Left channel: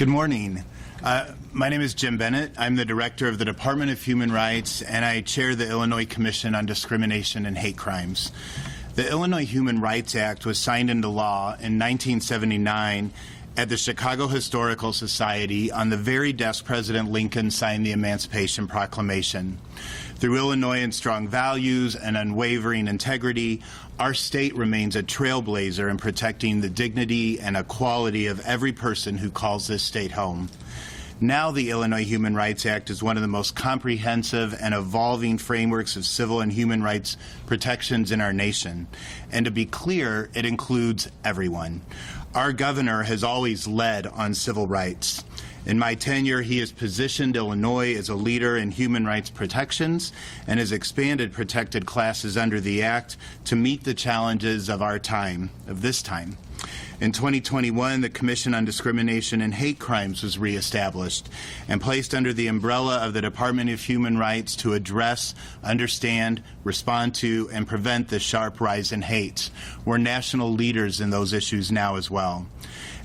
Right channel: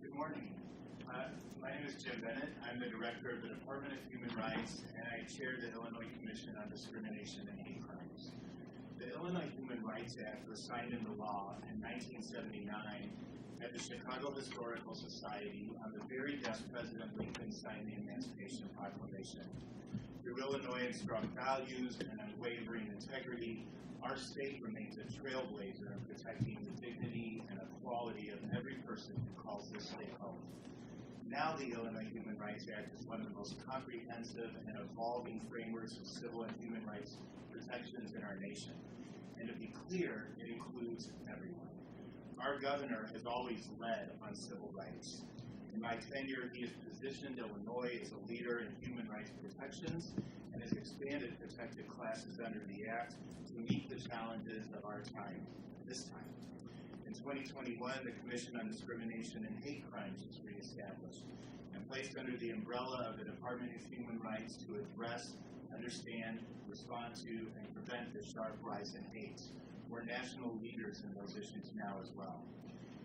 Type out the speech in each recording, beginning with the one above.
Good morning. My name is Jim Bennett. I'm the director of the Department of Human Rights, and I chair the Illinois Commission on Discrimination and Hate Crimes. The Illinois Human Rights Act was signed into law in 1979 at the Chicago Historical Society on the very desk President Lincoln signed the Emancipation Proclamation. Through Illinoisans' strong values and unwavering integrity, our state remains a trailblazer in protecting the dignity and equality of every person who calls this state home. Now the Illinois Human Rights Act is one of the most comprehensive and evolving frameworks of civil and human rights protections in our nation. And to be clear, it includes everyone. Our governor has always led on civil rights. In my tenure, he has positioned Illinois as a leader in human rights protections and has expanded protected classes under the Act to meet the challenges of our time, of this time. In 2021, the Commission on Discrimination and Hate Crimes was reestablished and placed under the umbrella of the Department of Human Rights to address, understand, respond to, and prevent the sharp rise in hate. We're national leaders in those issues now as well.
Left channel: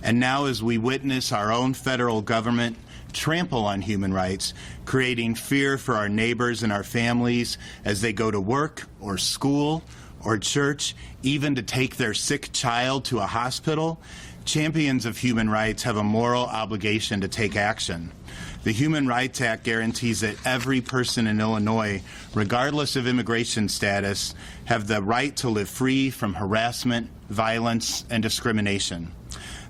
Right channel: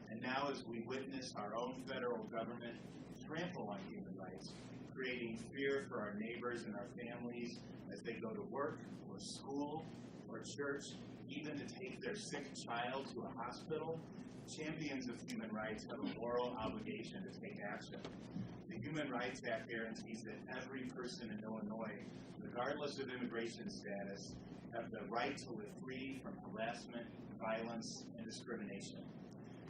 And now as we witness our own federal government trample on human rights, creating fear for our neighbors and our families as they go to work or school or church, even to take their sick child to a hospital, champions of human rights have a moral obligation to take action. The Human Rights Act guarantees that every person in Illinois, regardless of immigration status, have the right to live free from harassment, violence, and discrimination.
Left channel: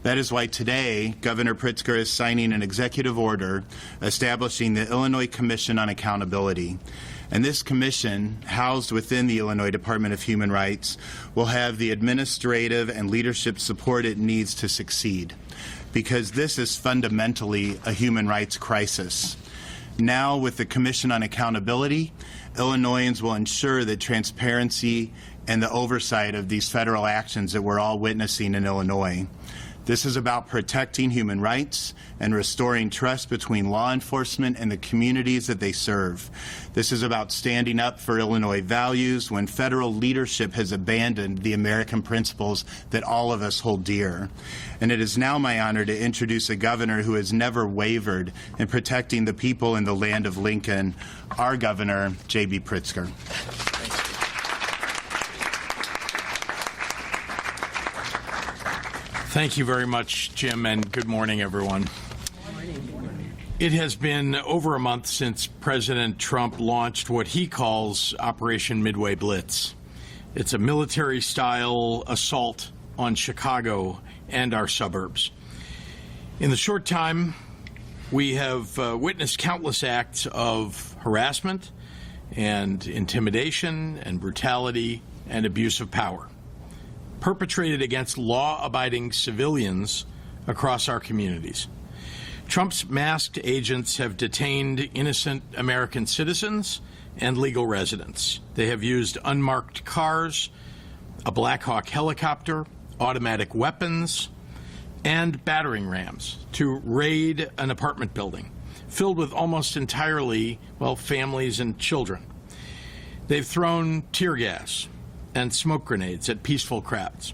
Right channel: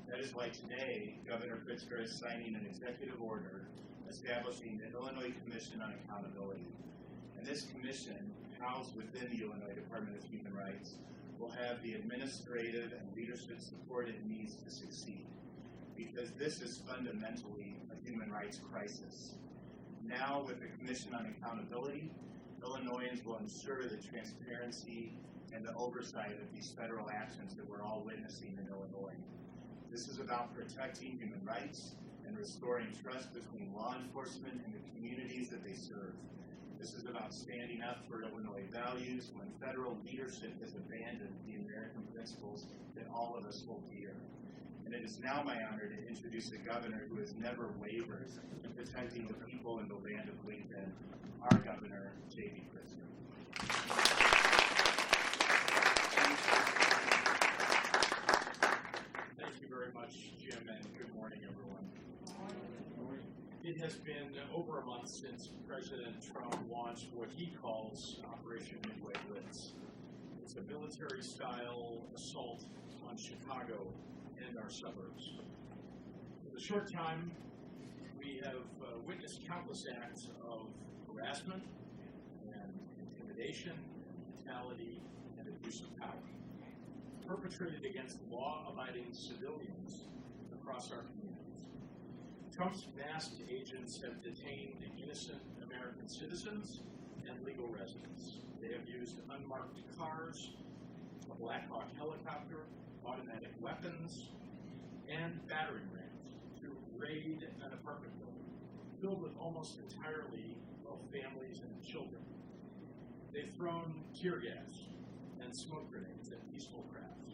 That is why today, Governor Pritzker is signing an executive order establishing the Illinois Commission on Accountability. And this commission, housed within the Illinois Department of Human Rights, will have the administrative and leadership support it needs to succeed, because this is fundamentally a human rights crisis. Now, with the Commission on Accountability, Illinoisans will ensure that transparency and the oversight of these federal actions that we're all witnessing in Illinois. This is about protecting human rights and restoring trust between law enforcement and the communities that they serve. This is about standing up for Illinois values when federal leadership has abandoned the American principles that all of us hold dear. And it is now my honor to introduce a governor who has never wavered in protecting the people in the land of Lincoln, our Governor, J.B. Pritzker. Thank you very much, Jim, and good morning, everyone. It has been over a month since President Trump launched what he calls Operation Midway Blitz. It's a military-style assault on Chicago and our suburbs. In the short time, we have witnessed countless acts of harassment and intimidation and brutality and abuse of power perpetrated against law-abiding civilians across our communities. Trump's masked agents have detained innocent American citizens and legal residents. They have used unmarked cars, a Black Hawk helicopter, automatic weapons, and battering rams to raid an apartment building filled with almost entirely, families and children. They've thrown tear gas and smoke grenades at peaceful crowds.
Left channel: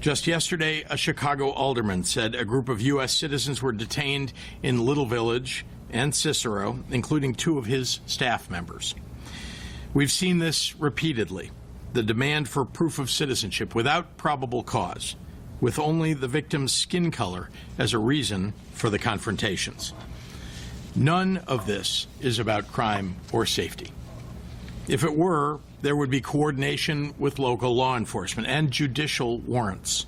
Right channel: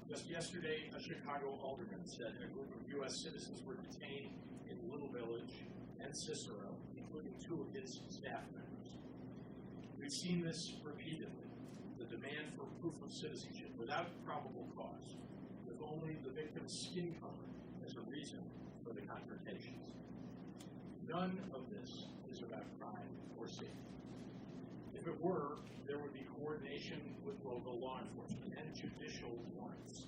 Just yesterday, a Chicago alderman said a group of U.S. citizens were detained in Little Village and Cicero, including 2 of his staff members. We've seen this repeatedly, the demand for proof of citizenship without probable cause, with only the victim's skin color as a reason for the confrontations. None of this is about crime or safety. If it were, there would be coordination with local law enforcement and judicial warrants.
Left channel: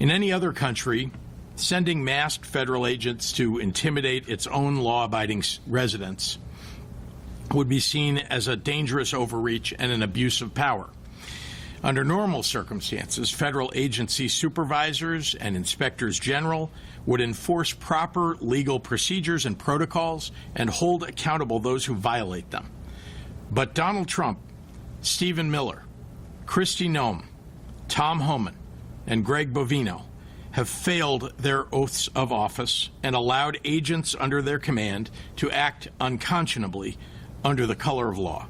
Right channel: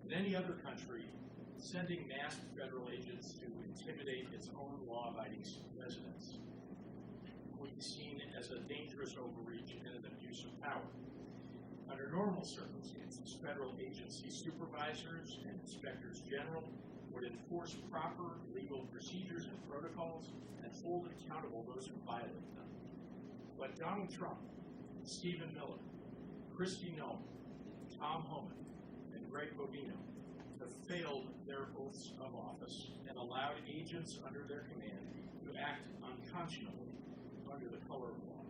In any other country, sending masked federal agents to intimidate its own law-abiding residents would be seen as a dangerous overreach and an abuse of power. Under normal circumstances, federal agency supervisors and inspectors general would enforce proper legal procedures and protocols and hold accountable those who violate them. But Donald Trump, Stephen Miller, Kristi Noem, Tom Homan, and Greg Bovino have failed their oaths of office and allowed agents under their command to act unconscionably under the color of law.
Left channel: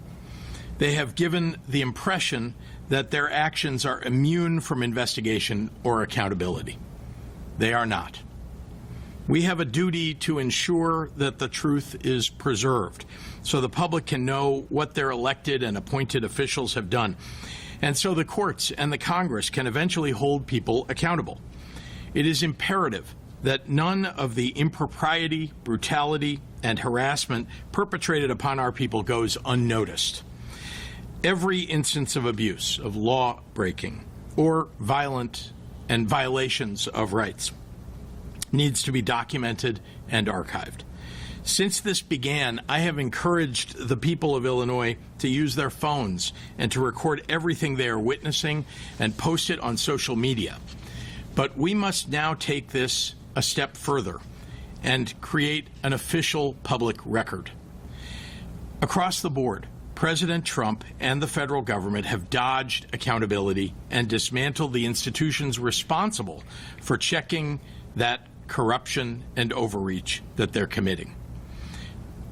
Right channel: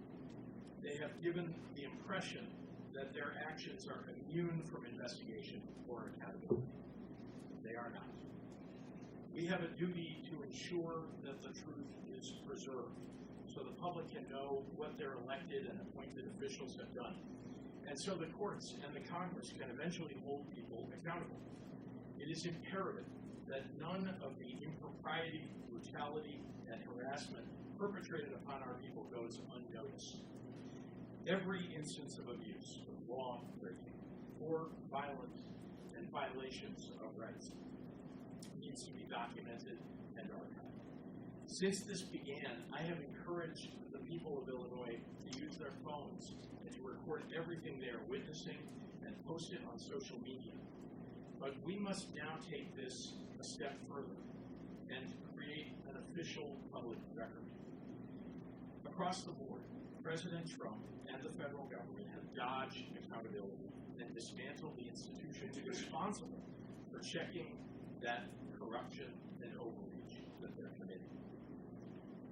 They have given the impression that their actions are immune from investigation or accountability. They are not. We have a duty to ensure that the truth is preserved so the public can know what their elected and appointed officials have done, and so the courts and the Congress can eventually hold people accountable. It is imperative that none of the impropriety, brutality, and harassment perpetrated upon our people goes unnoticed. Every instance of abuse, of law breaking, or violent and violations of rights needs to be documented and archived. Since this began, I have encouraged the people of Illinois to use their phones and to record everything they are witnessing and post it on social media. But we must now take this a step further and create an official public record. Across the board, President Trump and the federal government have dodged accountability and dismantled the institutions responsible for checking that corruption and overreach that they're committing.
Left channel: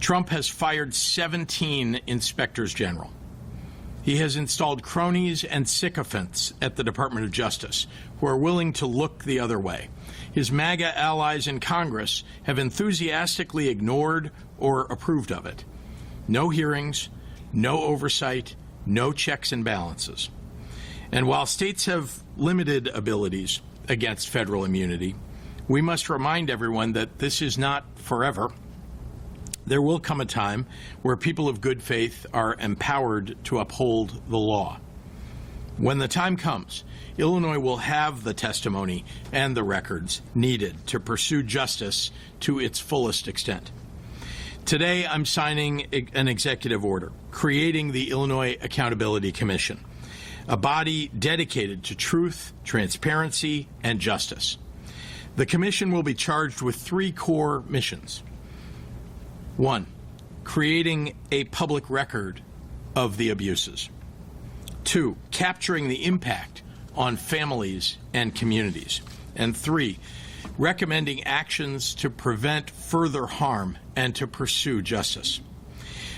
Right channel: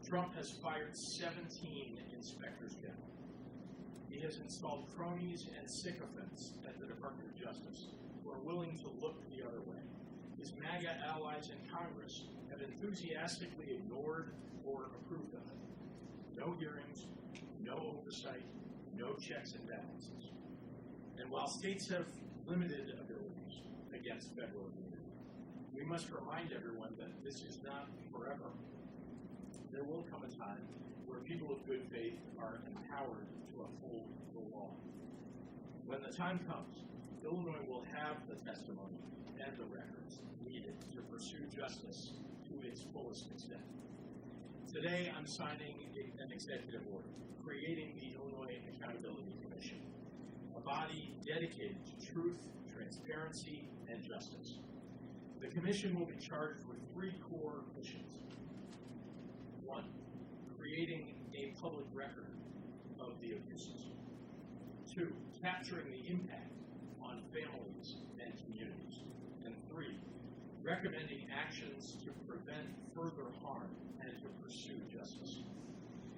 Trump has fired 17 inspectors general. He has installed cronies and sycophants at the Department of Justice who are willing to look the other way. His MAGA allies in Congress have enthusiastically ignored or approved of it. No hearings, no oversight, no checks and balances. And while states have limited abilities against federal immunity, we must remind everyone that this is not forever. There will come a time where people of good faith are empowered to uphold the law. When the time comes, Illinois will have the testimony and the records needed to pursue justice to its fullest extent. Today, I'm signing an executive order creating the Illinois Accountability Commission, a body dedicated to truth, transparency, and justice. The commission will be charged with 3 core missions. 1, creating a public record of the abuses. 2, capturing the impact on families and communities. And 3, recommending actions to prevent further harm and to pursue justice.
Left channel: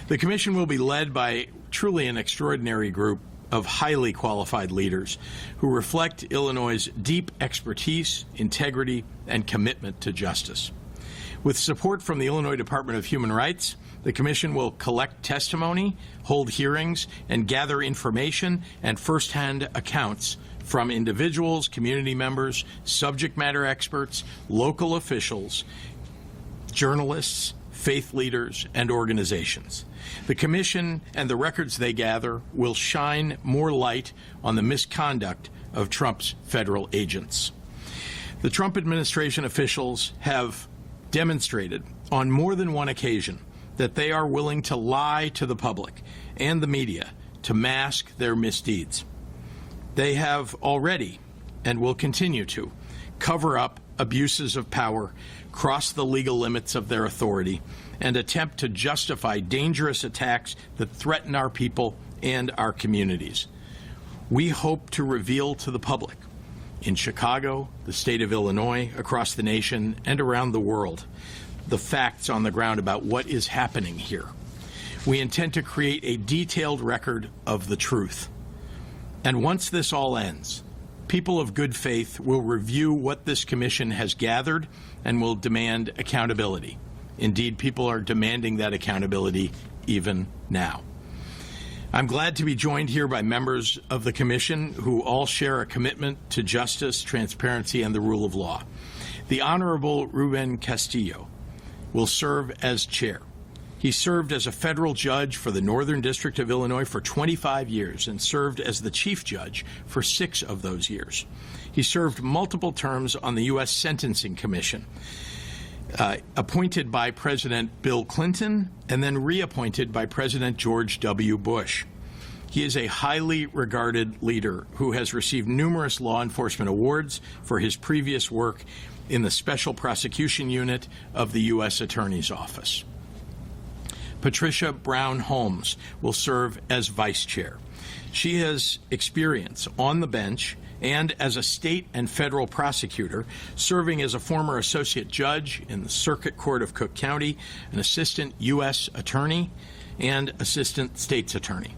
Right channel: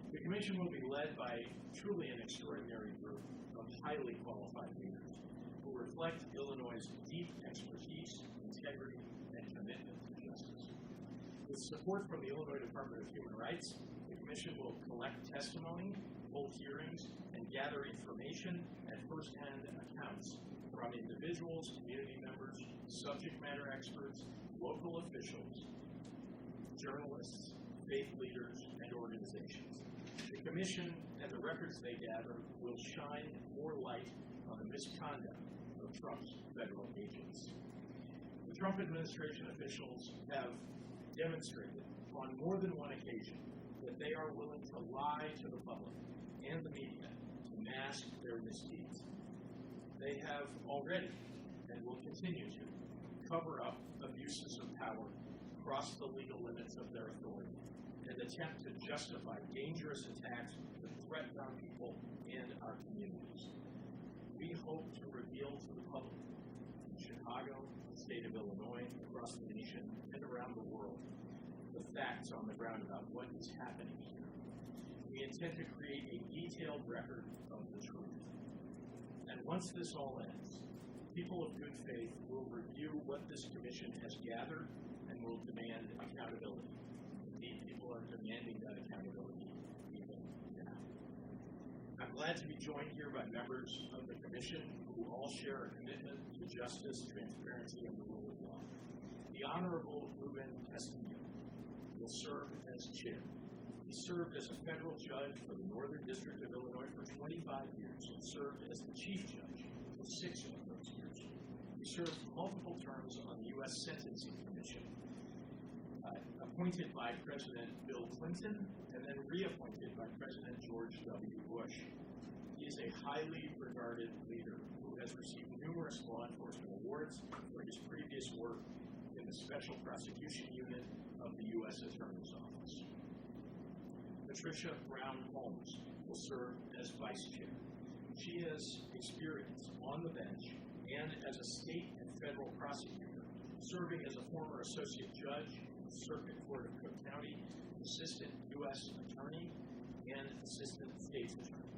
The commission will be led by truly an extraordinary group of highly qualified leaders who reflect Illinois' deep expertise, integrity, and commitment to justice. With support from the Illinois Department of Human Rights, the commission will collect testimony, hold hearings, and gather information and firsthand accounts from individuals, community members, subject matter experts, local officials, journalists, faith leaders, and organizations. The commission and the records they gather will shine more light on the misconduct of Trump's federal agents. The Trump administration officials have demonstrated on more than one occasion that they are willing to lie to the public and the media to mask their misdeeds. They have already, and will continue to, cover up abuses of power, cross the legal limits of their authority, and attempt to justify dangerous attacks that threaten our people and our communities. We hope to reveal to the public, in Chicago, the state of Illinois, across the nation, and around the world, the facts on the ground about what is happening here. We intend to create a detailed record of the truth. And once this all ends, people of good faith will review what this commission has gathered and will demand accountability. Indeed, people are demanding that accountability even now. I'm glad to be joined here by members of the commission who all share a commitment to justice, transparency, and the rule of law. The Honorable Ruben Castillo will serve as chair. He served as a federal judge for the Northern District of Illinois for 25 years and served as the chief judge for 6 of those years. He served multiple terms on the U.S. Sentencing Commission, appointed by President Bill Clinton and then reappointed by President George W. Bush. He is a highly regarded leader who has received numerous law enforcement awards for his previous work in the Special Prosecution Unit of the U.S. Attorney's Office. Patricia Brown Holmes will serve as vice chair. She has experience on the bench and as a state and federal prosecutor, serving as a former associate judge in the Circuit Court of Cook County, an assistant U.S. attorney, and assistant state's attorney.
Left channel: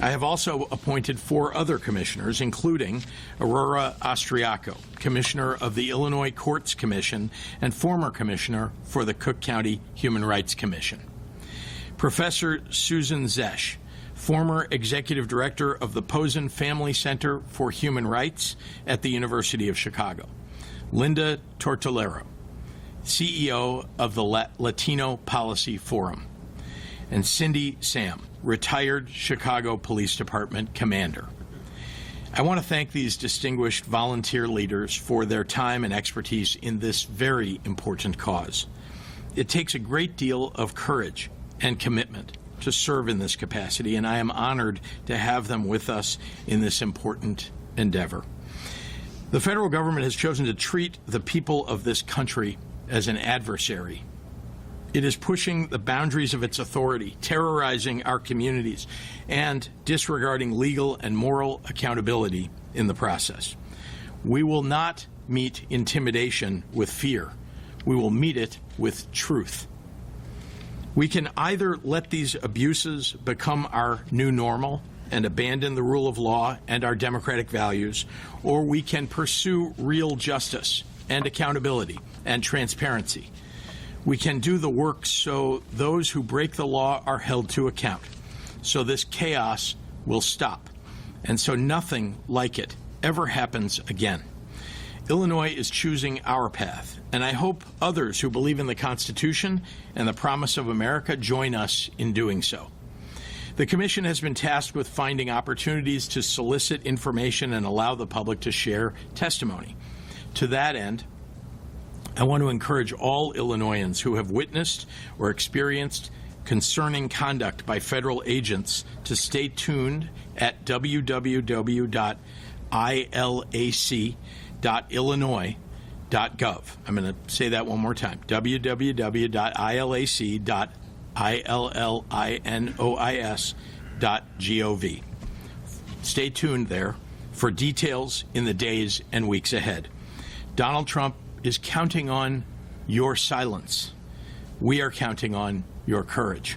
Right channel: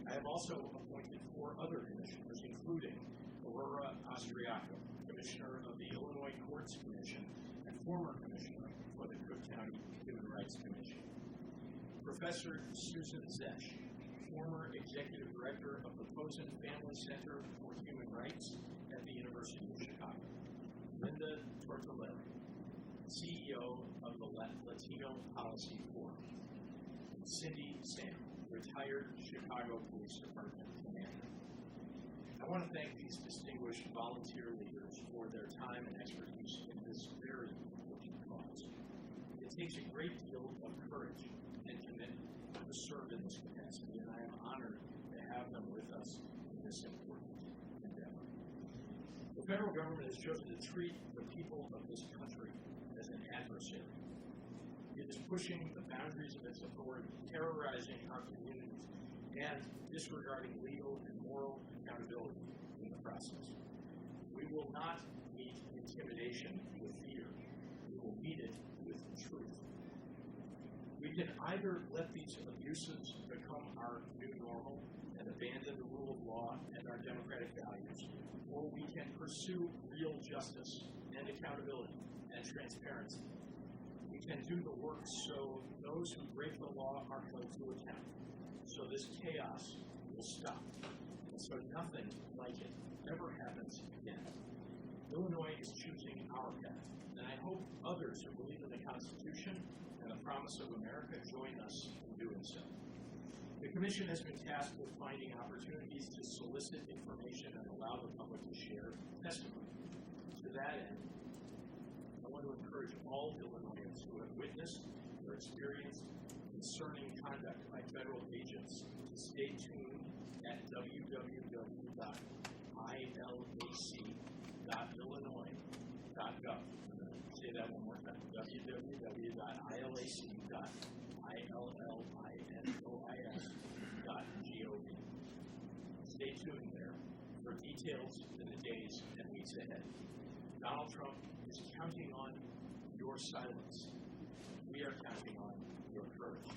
I have also appointed 4 other commissioners, including Aurora Austriaco, Commissioner of the Illinois Courts Commission and former Commissioner for the Cook County Human Rights Commission. Professor Susan Zesch, former Executive Director of the Posen Family Center for Human Rights at the University of Chicago. Linda Tortolero, CEO of the Latino Policy Forum. And Cindy Sam, retired Chicago Police Department commander. I want to thank these distinguished volunteer leaders for their time and expertise in this very important cause. It takes a great deal of courage and commitment to serve in this capacity, and I am honored to have them with us in this important endeavor. The federal government has chosen to treat the people of this country as an adversary. It is pushing the boundaries of its authority, terrorizing our communities, and disregarding legal and moral accountability in the process. We will not meet intimidation with fear. We will meet it with truth. We can either let these abuses become our new normal and abandon the rule of law and our democratic values, or we can pursue real justice and accountability and transparency. We can do the work so those who break the law are held to account, so this chaos will stop, and so nothing like it ever happens again. Illinois is choosing our path, and I hope others who believe in the Constitution and the promise of America join us in doing so. The Commission has been tasked with finding opportunities to solicit information and allow the public to share testimony. To that end, I want to encourage all Illinoisans who have witnessed or experienced concerning conduct by federal agents to stay tuned at www.ilac.illinois.gov. I'm going to say that one more time, www.ilac.illinois.gov. Stay tuned there for details in the days and weeks ahead. Donald Trump is counting on your silence. We are counting on your courage.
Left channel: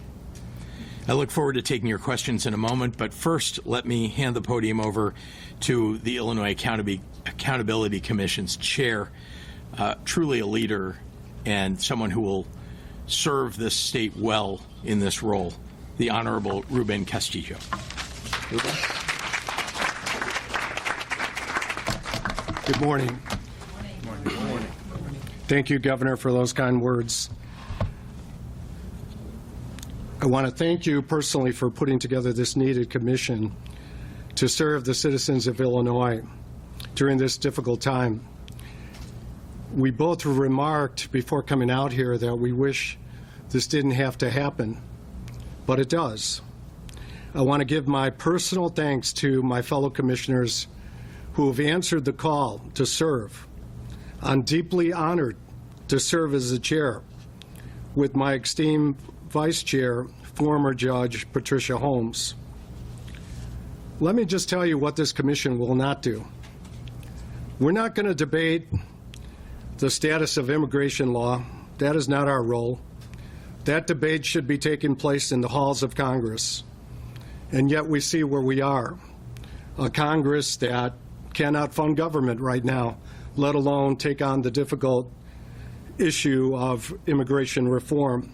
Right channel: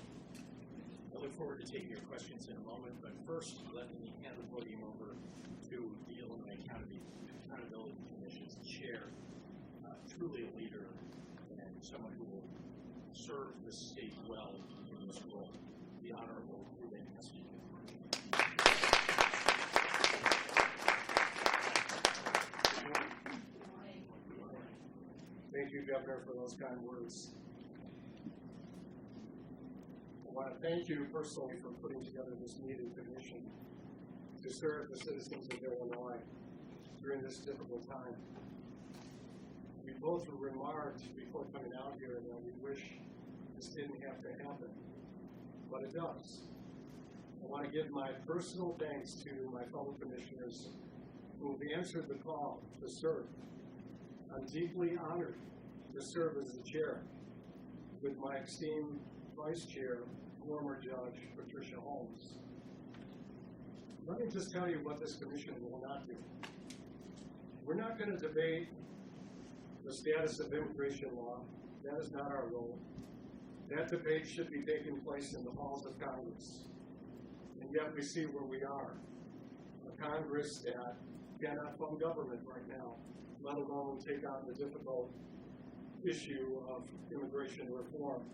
I look forward to taking your questions in a moment, but first let me hand the podium over to the Illinois Accountability Commission's chair, truly a leader and someone who will serve this state well in this role, the Honorable Ruben Castillo. Ruben? Good morning. Thank you, Governor, for those kind words. I want to thank you personally for putting together this needed commission to serve the citizens of Illinois during this difficult time. We both remarked before coming out here that we wish this didn't have to happen, but it does. I want to give my personal thanks to my fellow commissioners who have answered the call to serve. I'm deeply honored to serve as the chair with my esteemed vice chair, former Judge Patricia Holmes. Let me just tell you what this commission will not do. We're not going to debate the status of immigration law. That is not our role. That debate should be taking place in the halls of Congress. And yet we see where we are, a Congress that cannot fund government right now, let alone take on the difficult issue of immigration reform.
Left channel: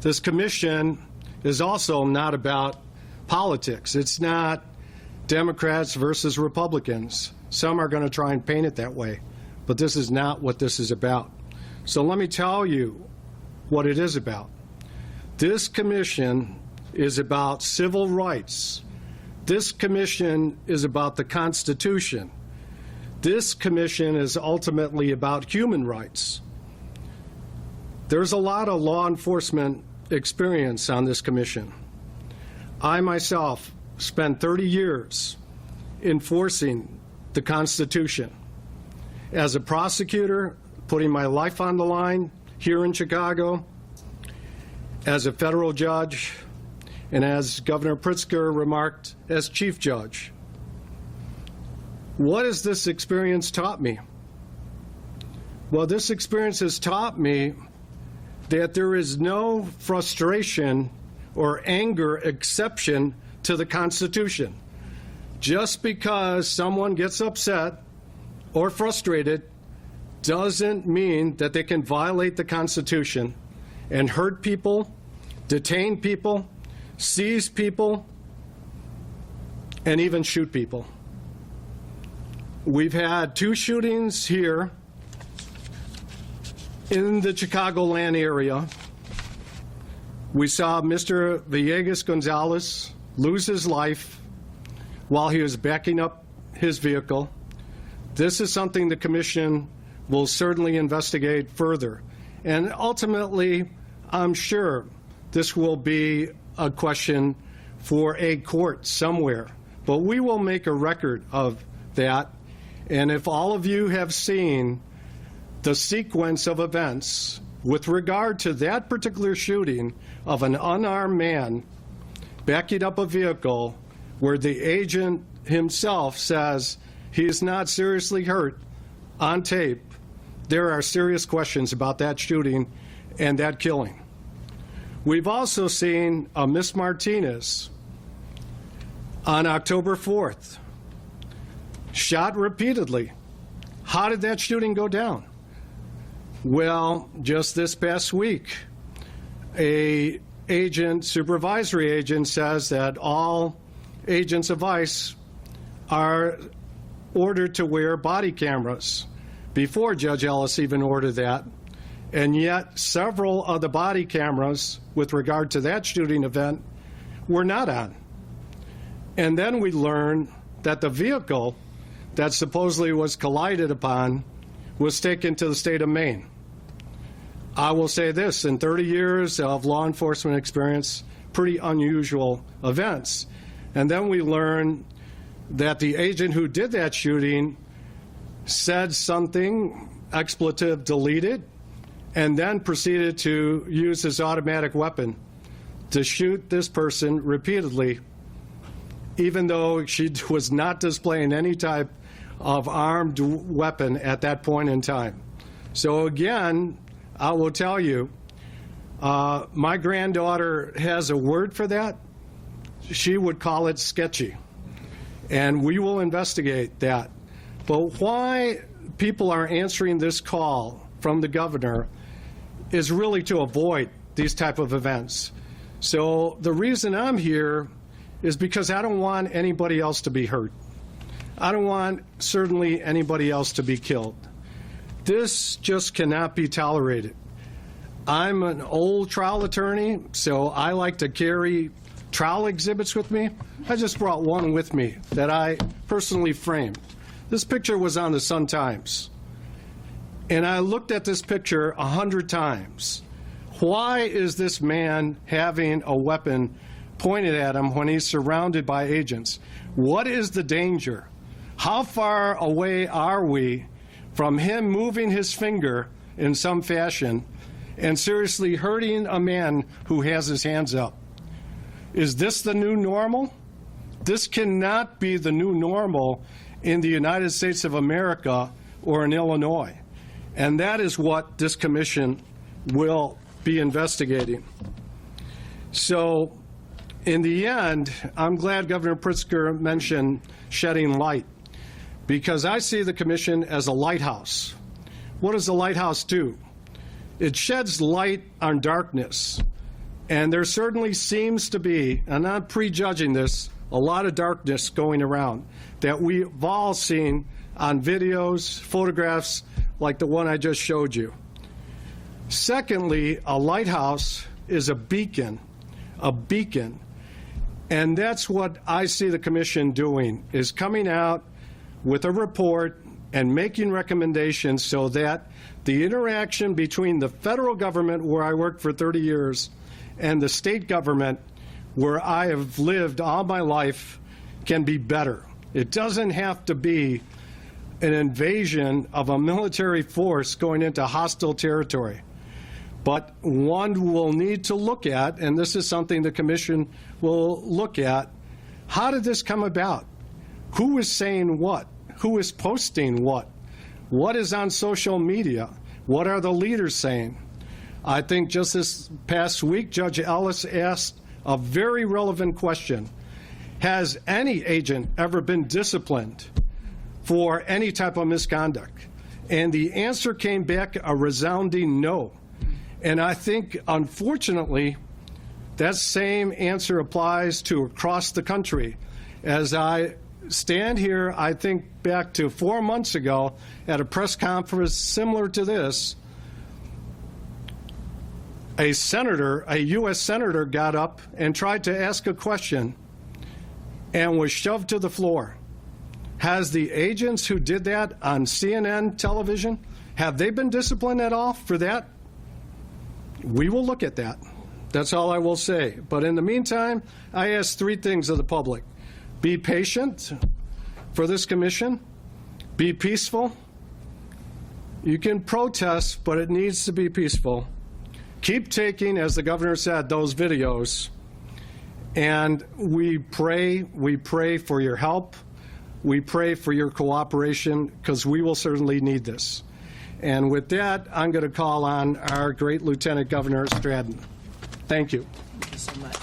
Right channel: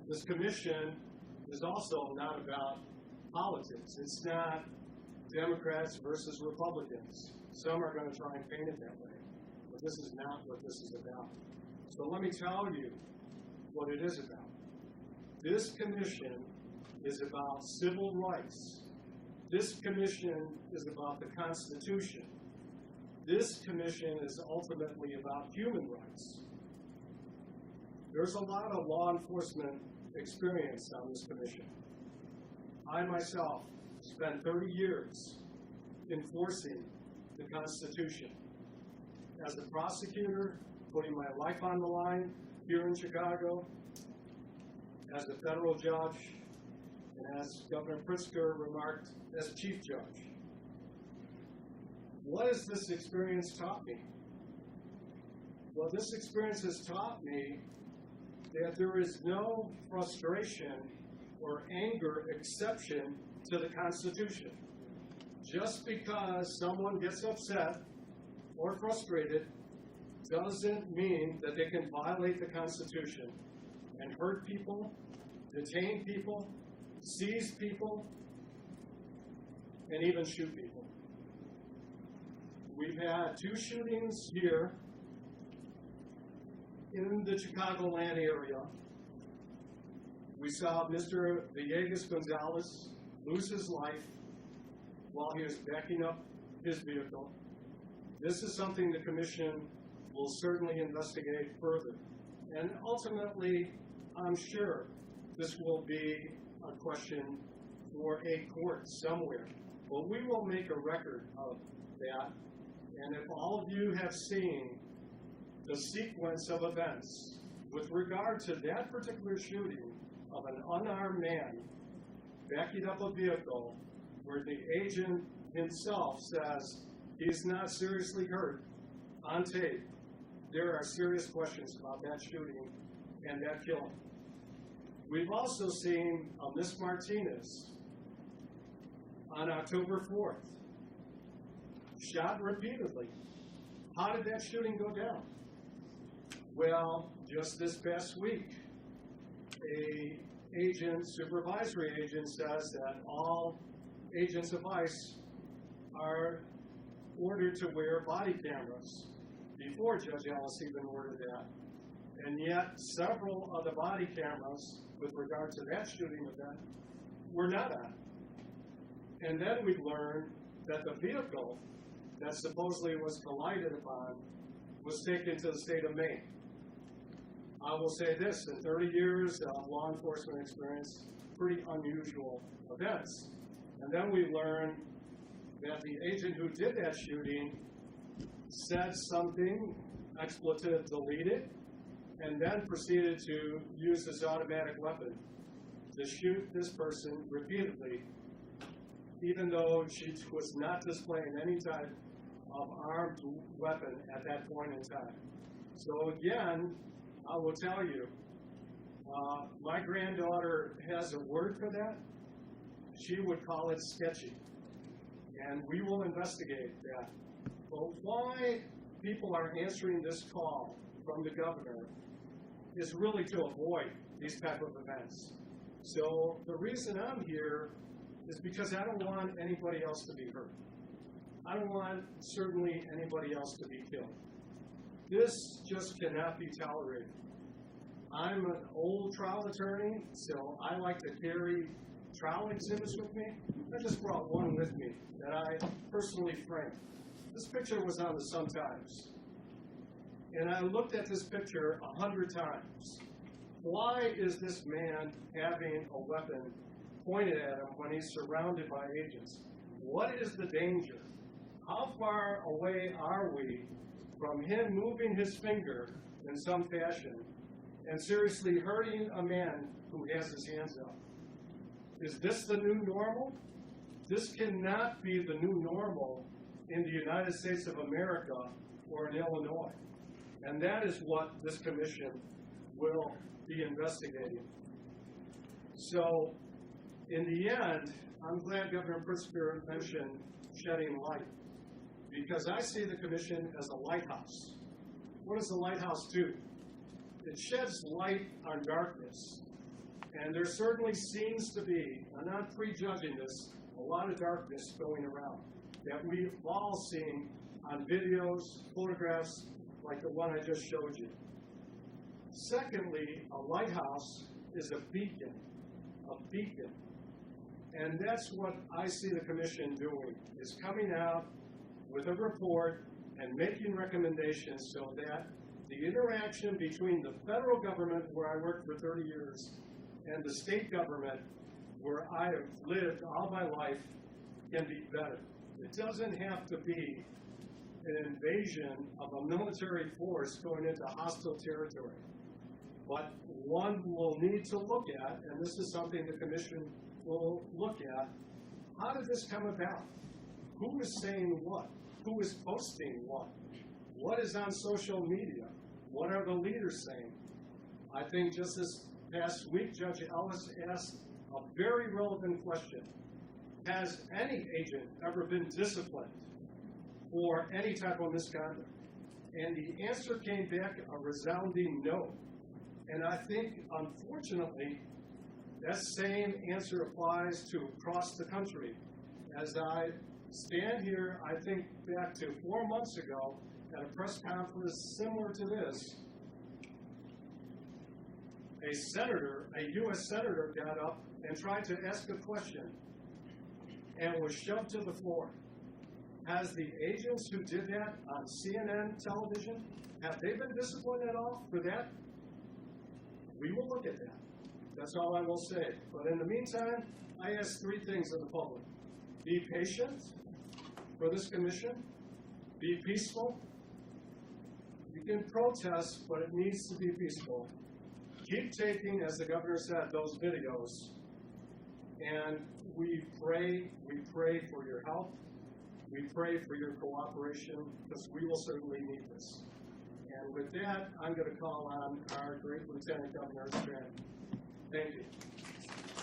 This commission is also not about politics. It's not Democrats versus Republicans. Some are going to try and paint it that way, but this is not what this is about. So let me tell you what it is about. This commission is about civil rights. This commission is about the Constitution. This commission is ultimately about human rights. There's a lot of law enforcement experience on this commission. I myself spent 30 years enforcing the Constitution. As a prosecutor, putting my life on the line here in Chicago, as a federal judge, and as Governor Pritzker remarked, as chief judge. What has this experience taught me? Well, this experience has taught me that there is no frustration or anger exception to the Constitution. Just because someone gets upset or frustrated doesn't mean that they can violate the Constitution and hurt people, detain people, seize people, and even shoot people. We've had 2 shootings here in the Chicagoland area. We saw Mr. Villegas Gonzalez lose his life while he was backing up his vehicle. This is something the commission will certainly investigate further. And ultimately, I'm sure this will be a question for a court somewhere. But we will make a record of that. And if all of you have seen the sequence of events with regard to that particular shooting of an unarmed man backing up a vehicle where the agent himself says he's not seriously hurt on tape, there are serious questions about that shooting and that killing. We've also seen Miss Martinez on October 4th, shot repeatedly. How did that shooting go down? Well, just this past week, a supervisory agent says that all agents of ICE are ordered to wear body cameras before Judge Ellis even ordered that. And yet several of the body cameras with regard to that shooting event were not on. And then we learned that the vehicle that supposedly was collided upon was taken to the state of Maine. I will say this, in 30 years of law enforcement experience, pretty unusual events. And then we learned that the agent who did that shooting said something, expletive deleted, and then proceeded to use his automatic weapon to shoot this person repeatedly, even though she was not displaying any type of armed weapon at that point in time. So again, I will tell you, my granddaughter has a word for that. She would call it sketchy. And we will investigate that. But why people are answering this call from the governor is really to avoid these type of events. So the reason I'm here is because I don't want anybody else to be hurt. I don't want certainly anybody else to be killed. This just cannot be tolerated. I'm an old trial attorney, so I like to carry trial exhibits with me. I just brought one with me that I personally framed. This picture was on the Sun-Times. And I looked at this picture 100 times. Why is this man having a weapon pointed at him when he's surrounded by agents? What is the danger? How far away are we from him moving his finger in some fashion and seriously hurting a man who has his hands up? Is this the new normal? This cannot be the new normal in the United States of America or in Illinois. And that is what this commission will be investigating. So in the end, I'm glad Governor Pritzker mentioned shedding light, because I see the commission as a lighthouse. What does a lighthouse do? It sheds light on darkness. And there certainly seems to be, and I'm prejudging this, a lot of darkness going around that we've all seen on videos, photographs like the one I just showed you. Secondly, a lighthouse is a beacon, and that's what I see the commission doing, is coming out with a report and making recommendations so that the interaction between the federal government, where I worked for 30 years, and the state government, where I have lived all my life, can be better. It doesn't have to be an invasion of a military force going into hostile territory. But one will need to look at, and this is something the commission will look at, how did this come about? Who is saying what? Who is posting what? What is on social media? What are the leaders saying? I think just this past week, Judge Ellis asked a very relevant question. Has any agent ever been disciplined for any type of misconduct? And the answer came back a resounding no. And I think, unfortunately, that same answer applies to across the country. As I stand here, I think back to 4 months ago at a press conference similar to this, a senator, a U.S. senator, got up and tried to ask a question and was shoved to the floor. Has the agents who did that on CNN television, have they been disciplined at all for that? We will look at that. That's all I will say. But in the meantime, I ask three things of the public. Be patient for this commission. Be peaceful. You can protest, but it needs to be peaceful. Keep taking, as the governor said, those videos. And we pray for your help. We pray for your cooperation, because we will certainly need this. And with that, I'm going to call on our great Lieutenant Governor Stratton. Thank you. Thank you so much.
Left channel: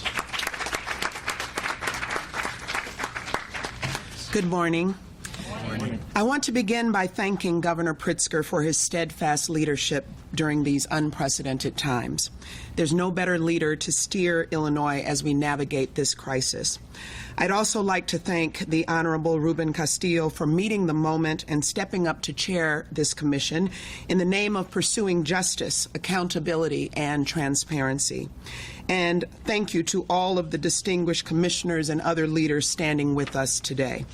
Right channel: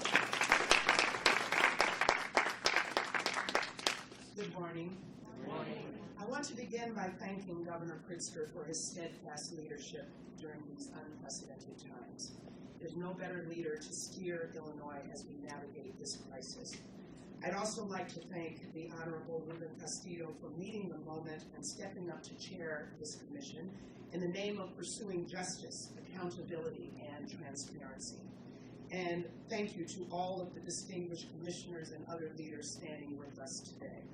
Good morning. Good morning. I want to begin by thanking Governor Pritzker for his steadfast leadership during these unprecedented times. There's no better leader to steer Illinois as we navigate this crisis. I'd also like to thank the Honorable Ruben Castillo for meeting the moment and stepping up to chair this commission in the name of pursuing justice, accountability, and transparency. And thank you to all of the distinguished commissioners and other leaders standing with us today.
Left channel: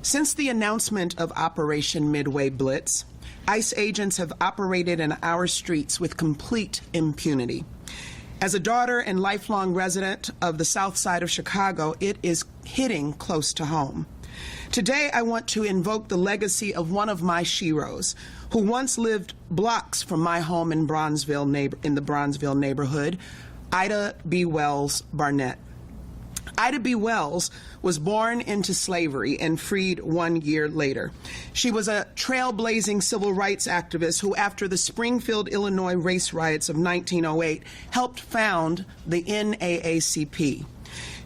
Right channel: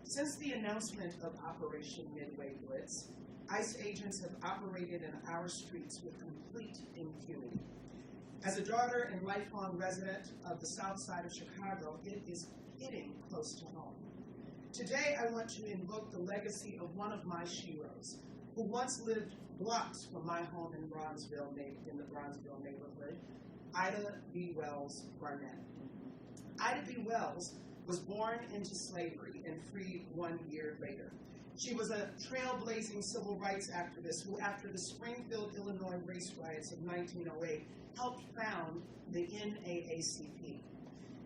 Since the announcement of Operation Midway Blitz, ICE agents have operated in our streets with complete impunity. As a daughter and lifelong resident of the South Side of Chicago, it is hitting close to home. Today, I want to invoke the legacy of one of my sheroes, who once lived blocks from my home in the Bronzeville neighborhood, Ida B. Wells Barnett. Ida B. Wells was born into slavery and freed 1 year later. She was a trailblazing civil rights activist who, after the Springfield, Illinois race riots of 1908, helped found the NAACP.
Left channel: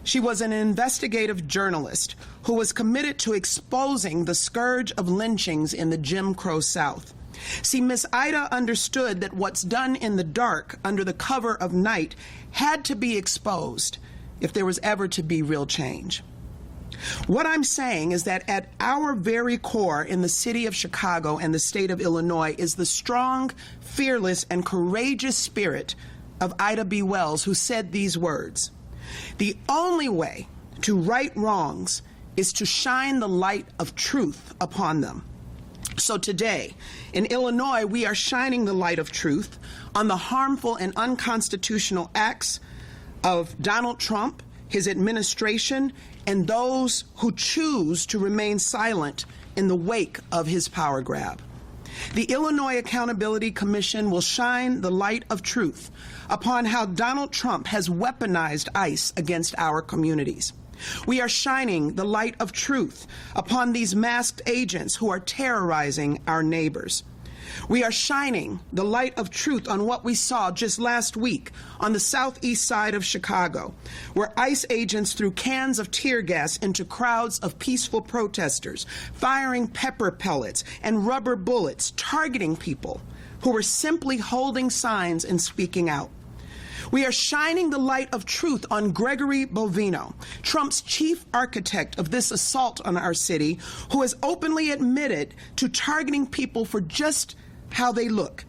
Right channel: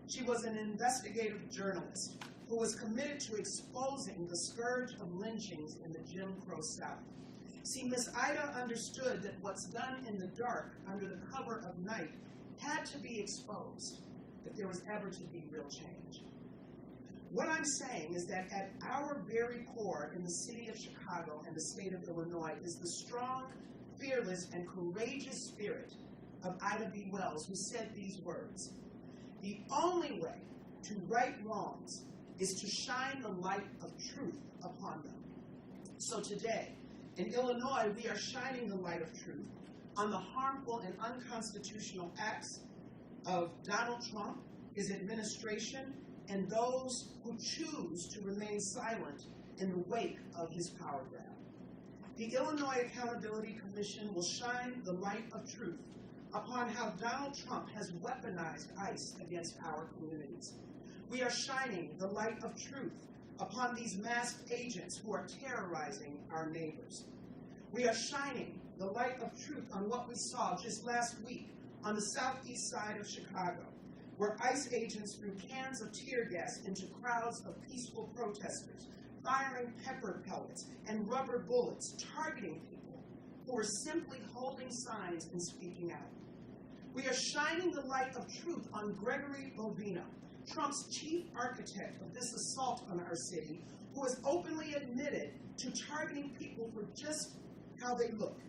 She was an investigative journalist who was committed to exposing the scourge of lynchings in the Jim Crow South. See, Miss Ida understood that what's done in the dark under the cover of night had to be exposed if there was ever to be real change. What I'm saying is that at our very core in the city of Chicago and the state of Illinois is the strong, fearless, and courageous spirit of Ida B. Wells, who said these words: "The only way to right wrongs is to shine the light of truth upon them." So today, in Illinois, we are shining the light of truth on the harmful and unconstitutional acts of Donald Trump, his administration, and those who choose to remain silent in the wake of his power grab. The Illinois Accountability Commission will shine the light of truth upon how Donald Trump has weaponized ICE against our communities. We are shining the light of truth upon these masked agents who are terrorizing our neighbors. We are shining the light of truth on what we saw just last week on the southeast side of Chicago, where ICE agents threw cans of tear gas into crowds of peaceful protesters, firing pepper pellets and rubber bullets, targeting people who were simply holding signs and speaking out. We are shining the light of truth on Gregory Bovino, Trump's chief architect of this assault on our city, who has openly admitted to targeting people for just how they look,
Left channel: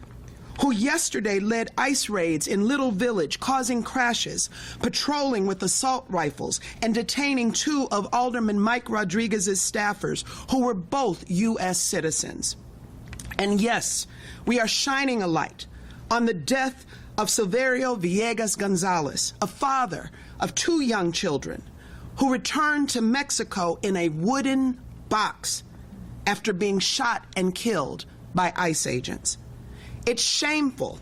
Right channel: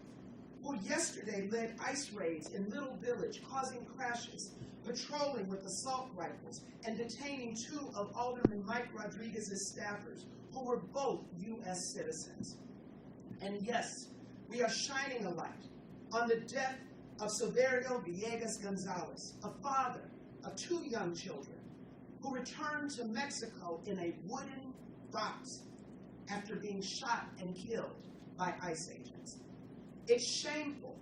who yesterday led ICE raids in Little Village, causing crashes, patrolling with assault rifles, and detaining two of Alderman Mike Rodriguez's staffers, who were both U.S. citizens. And yes, we are shining a light on the death of Silverio Villegas Gonzalez, a father of two young children, who returned to Mexico in a wooden box after being shot and killed by ICE agents. It's shameful.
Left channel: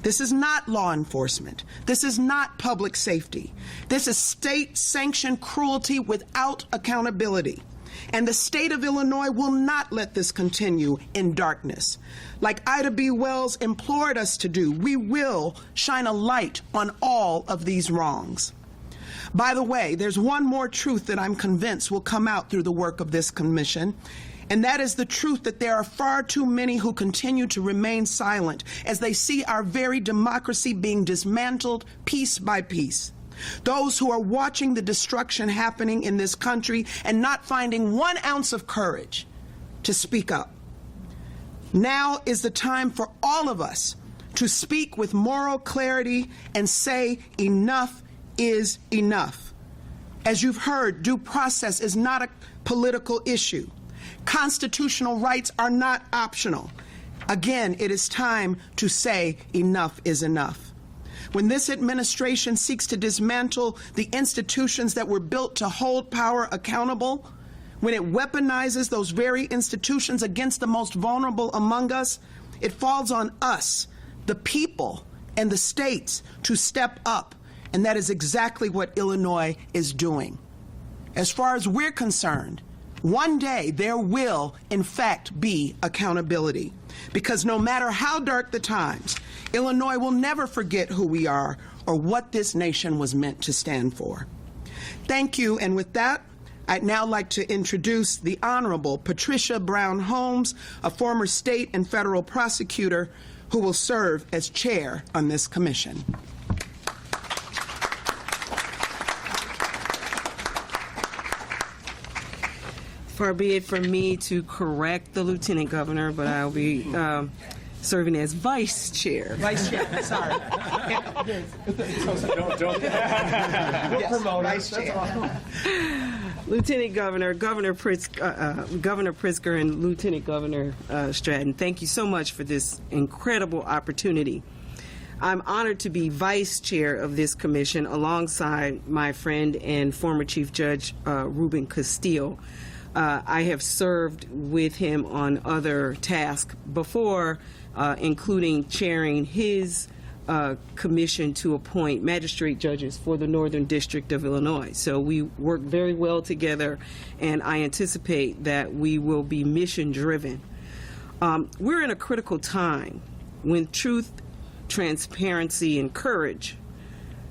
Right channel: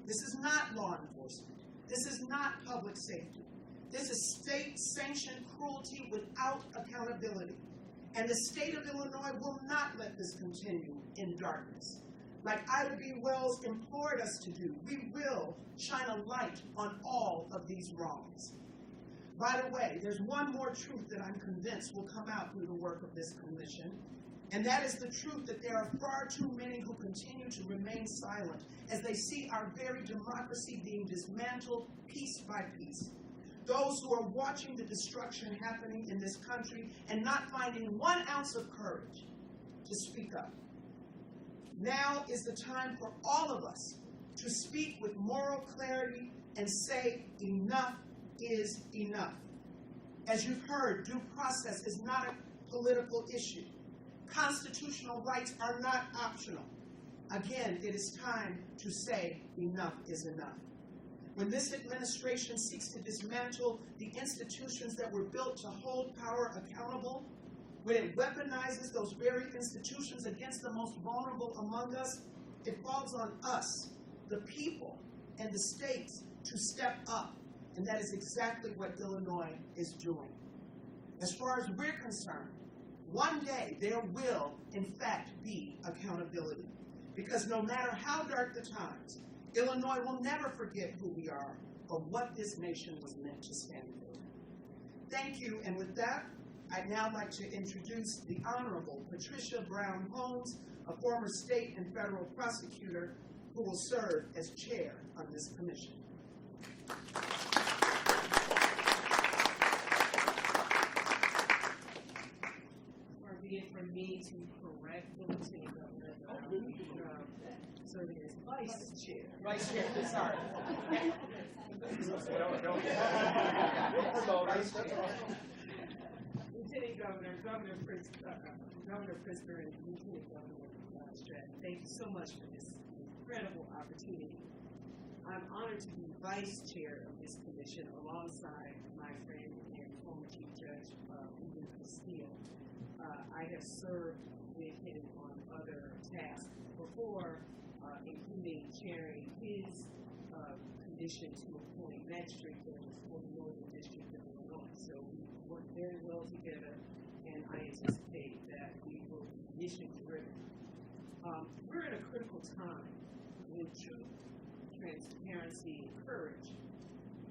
This is not law enforcement. This is not public safety. This is state-sanctioned cruelty without accountability. And the state of Illinois will not let this continue in darkness. Like Ida B. Wells implored us to do, we will shine a light on all of these wrongs. By the way, there's one more truth that I'm convinced will come out through the work of this commission, and that is the truth that there are far too many who continue to remain silent as they see our very democracy being dismantled piece by piece. Those who are watching the destruction happening in this country and not finding 1 ounce of courage to speak up. Now is the time for all of us to speak with moral clarity and say enough is enough. As you've heard, due process is not a political issue. Constitutional rights are not optional. Again, it is time to say enough is enough. When this administration seeks to dismantle the institutions that were built to hold power accountable, when it weaponizes those very institutions against the most vulnerable among us, it falls on us, the people and the states, to step up, and that is exactly what Illinois is doing. As far as we're concerned, one day there will, in fact, be accountability. Because no matter how dark the times, Illinois will never forget who we are or what this nation was meant to stand for. Thank you, and with that, I'd now like to introduce the Honorable Patricia Brown Holmes, a former state and federal prosecutor who will serve as chair on this commission. Far be it from me to correct the lieutenant governor, but I'll be serving as vice chair. Vice Chair, sorry. Vice Chair. Lieutenant Governor, Governor Pritzker, and Lieutenant Governor Stratton, thank you so much for this incredible opportunity. I'm honored to be vice chair of this commission alongside my friend and former Chief Judge Ruben Castillo. I have served with him on other tasks before, including chairing his commission to appoint magistrate judges for the Northern District of Illinois. So we work very well together, and I anticipate that we will be mission-driven. We're in a critical time when truth, transparency, and courage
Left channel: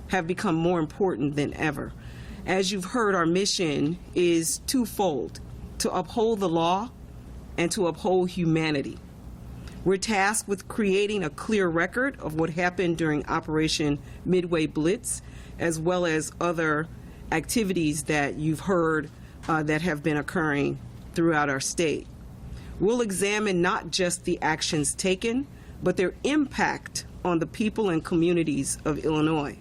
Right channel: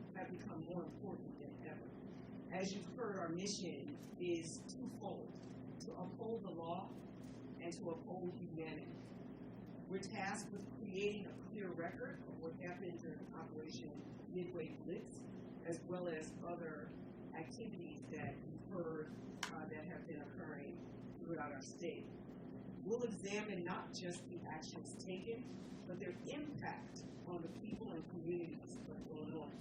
have become more important than ever. As you've heard, our mission is twofold: to uphold the law and to uphold humanity. We're tasked with creating a clear record of what happened during Operation Midway Blitz, as well as other activities that you've heard that have been occurring throughout our state. We'll examine not just the actions taken, but their impact on the people and communities of Illinois.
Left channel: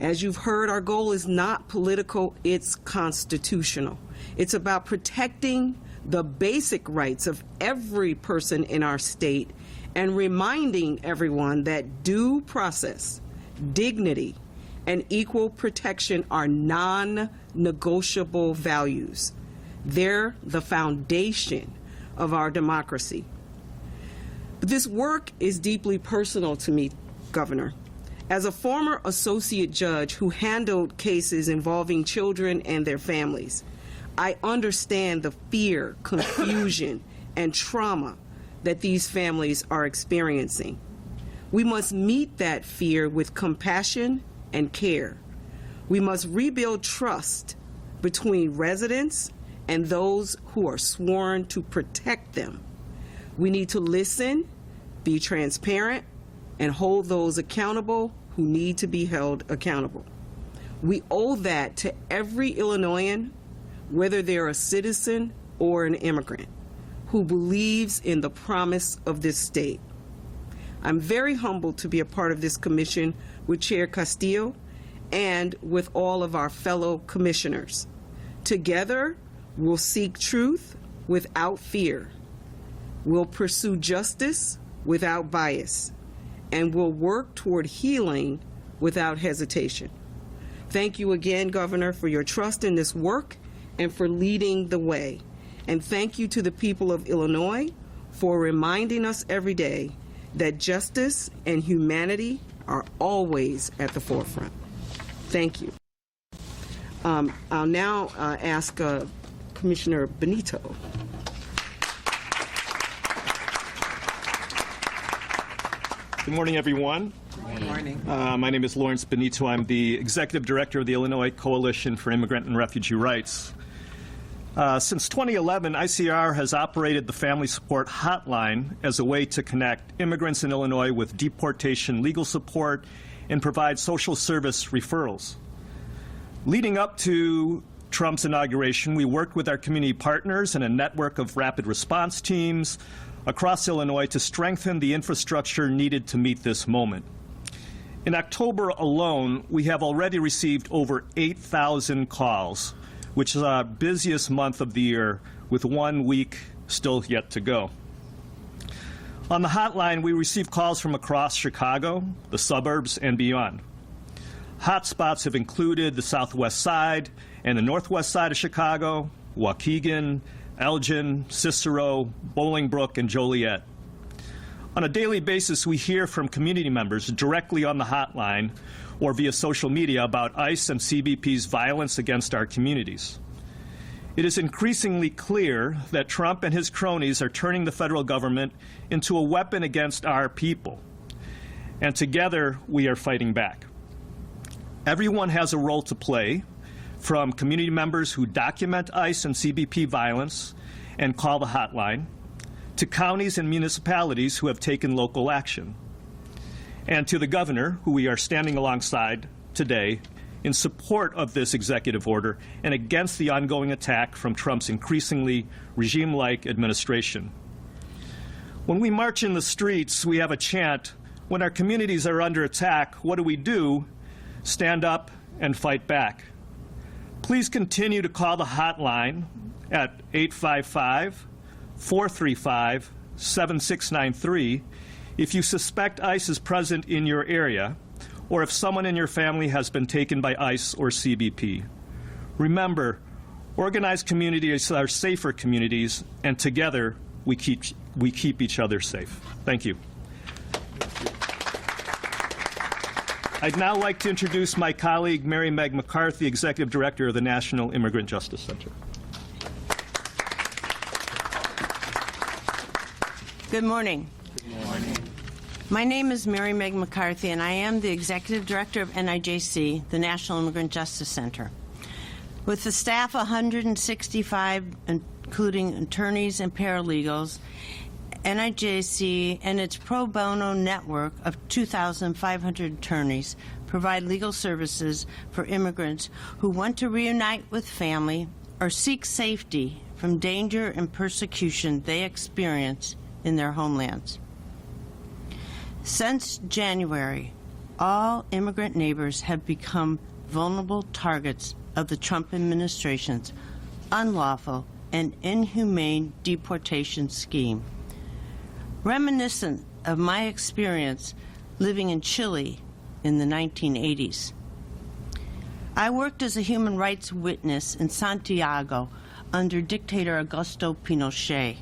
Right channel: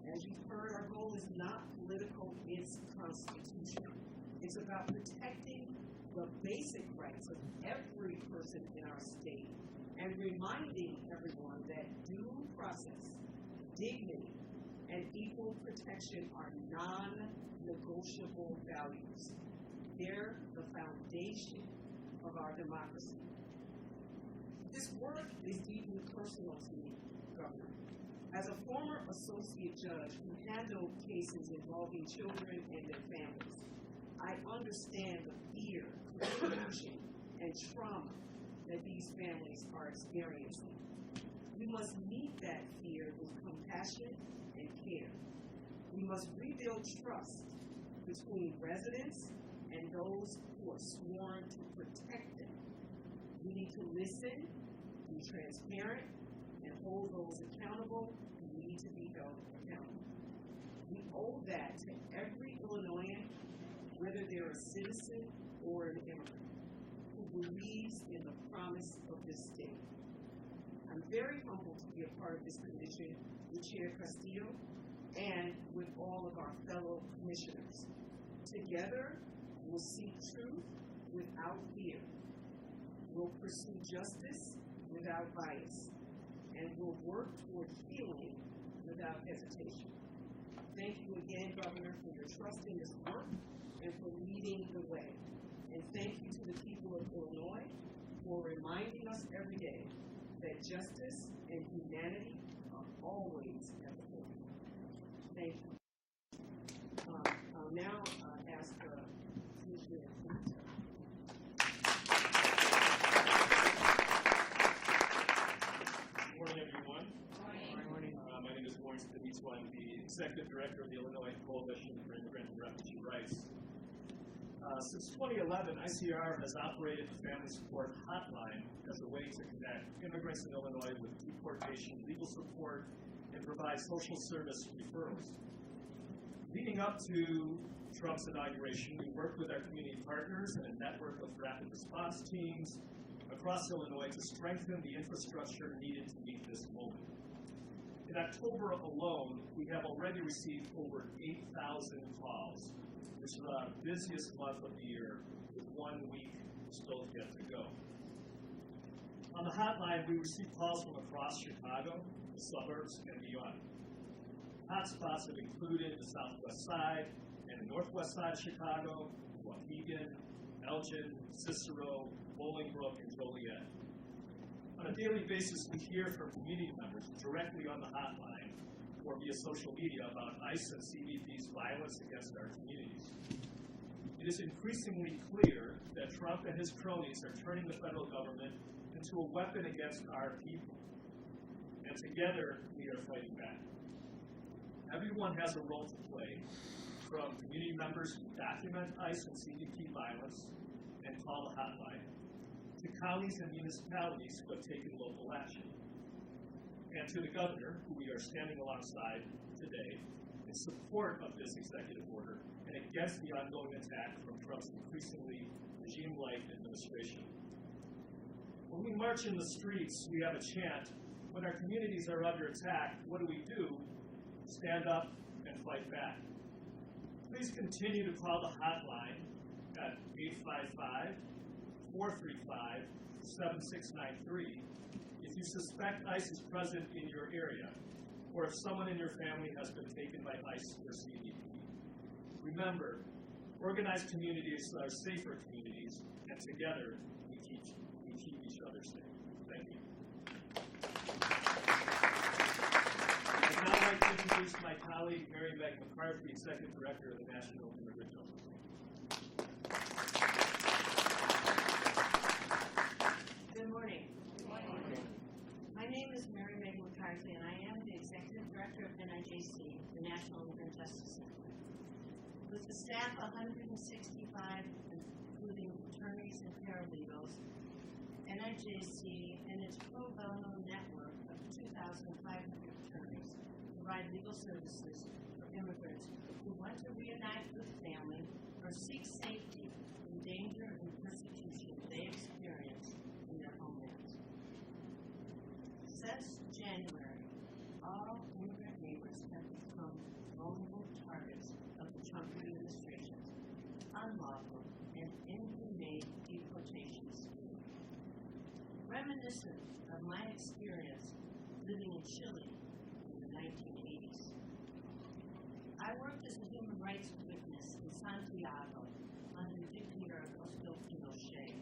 As you've heard, our goal is not political, it's constitutional. It's about protecting the basic rights of every person in our state and reminding everyone that due process, dignity, and equal protection are non-negotiable values. They're the foundation of our democracy. But this work is deeply personal to me, Governor. As a former associate judge who handled cases involving children and their families, I understand the fear, confusion, and trauma that these families are experiencing. We must meet that fear with compassion and care. We must rebuild trust between residents and those who are sworn to protect them. We need to listen, be transparent, and hold those accountable who need to be held accountable. We owe that to every Illinoisan, whether they're a citizen or an immigrant, who believes in the promise of this state. I'm very humbled to be a part of this commission with Chair Castillo and with all of our fellow commissioners. Together, we'll seek truth without fear. We'll pursue justice without bias, and we'll work toward healing without hesitation. Thank you again, Governor, for your trust in this work and for leading the way. And thank you to the people of Illinois for reminding us every day that justice and humanity are always at the forefront. Thank you. I'll now ask Commissioner Benito. Good morning, everyone. My name is Lawrence Benito. I'm the Executive Director of the Illinois Coalition for Immigrant and Refugee Rights. Since 2011, ICR has operated the Family Support Hotline as a way to connect immigrants in Illinois with deportation legal support and provide social service referrals. Leading up to Trump's inauguration, we worked with our community partners and a network of rapid response teams across Illinois to strengthen the infrastructure needed to meet this moment. In October alone, we have already received over 8,000 calls, which is our busiest month of the year, with 1 week still yet to go. On the hotline, we receive calls from across Chicago, the suburbs, and beyond. Hotspots have included the southwest side and the northwest side of Chicago, Waukegan, Elgin, Cicero, Bolingbrook, and Joliet. On a daily basis, we hear from community members directly on the hotline or via social media about ICE and CBP's violence against our communities. It is increasingly clear that Trump and his cronies are turning the federal government into a weapon against our people. And together, we are fighting back. Everyone has a role to play, from community members who document ICE and CBP violence and call the hotline, to counties and municipalities who have taken local action, and to the governor, who we are standing alongside today in support of this executive order and against the ongoing attack from Trump's increasingly regime-like administration. When we march in the streets, we have a chant, when our communities are under attack, what do? Stand up and fight back. Please continue to call the hotline at 855-435-7693 if you suspect ICE is present in your area or if someone in your family has been taken by ICE or CBP. Remember, organized communities are safer communities, and together we keep each other safe. Thank you. I'd now like to introduce my colleague, Mary Meg McCarthy, Executive Director of the National Immigrant Justice Center. Good morning. Good morning. My name is Mary Meg McCarthy, and I am the Executive Director of NIJC, the National Immigrant Justice Center. With the staff 165, including attorneys and paralegals, NIJC and its pro bono network of 2,500 attorneys provide legal services for immigrants who want to reunite with family or seek safety from danger and persecution they experience in their homelands. Since January, all immigrant neighbors have become vulnerable targets of the Trump administration's unlawful and inhumane deportation scheme. Reminiscent of my experience living in Chile in the 1980s. I worked as a human rights witness in Santiago under dictator Augusto Pinochet.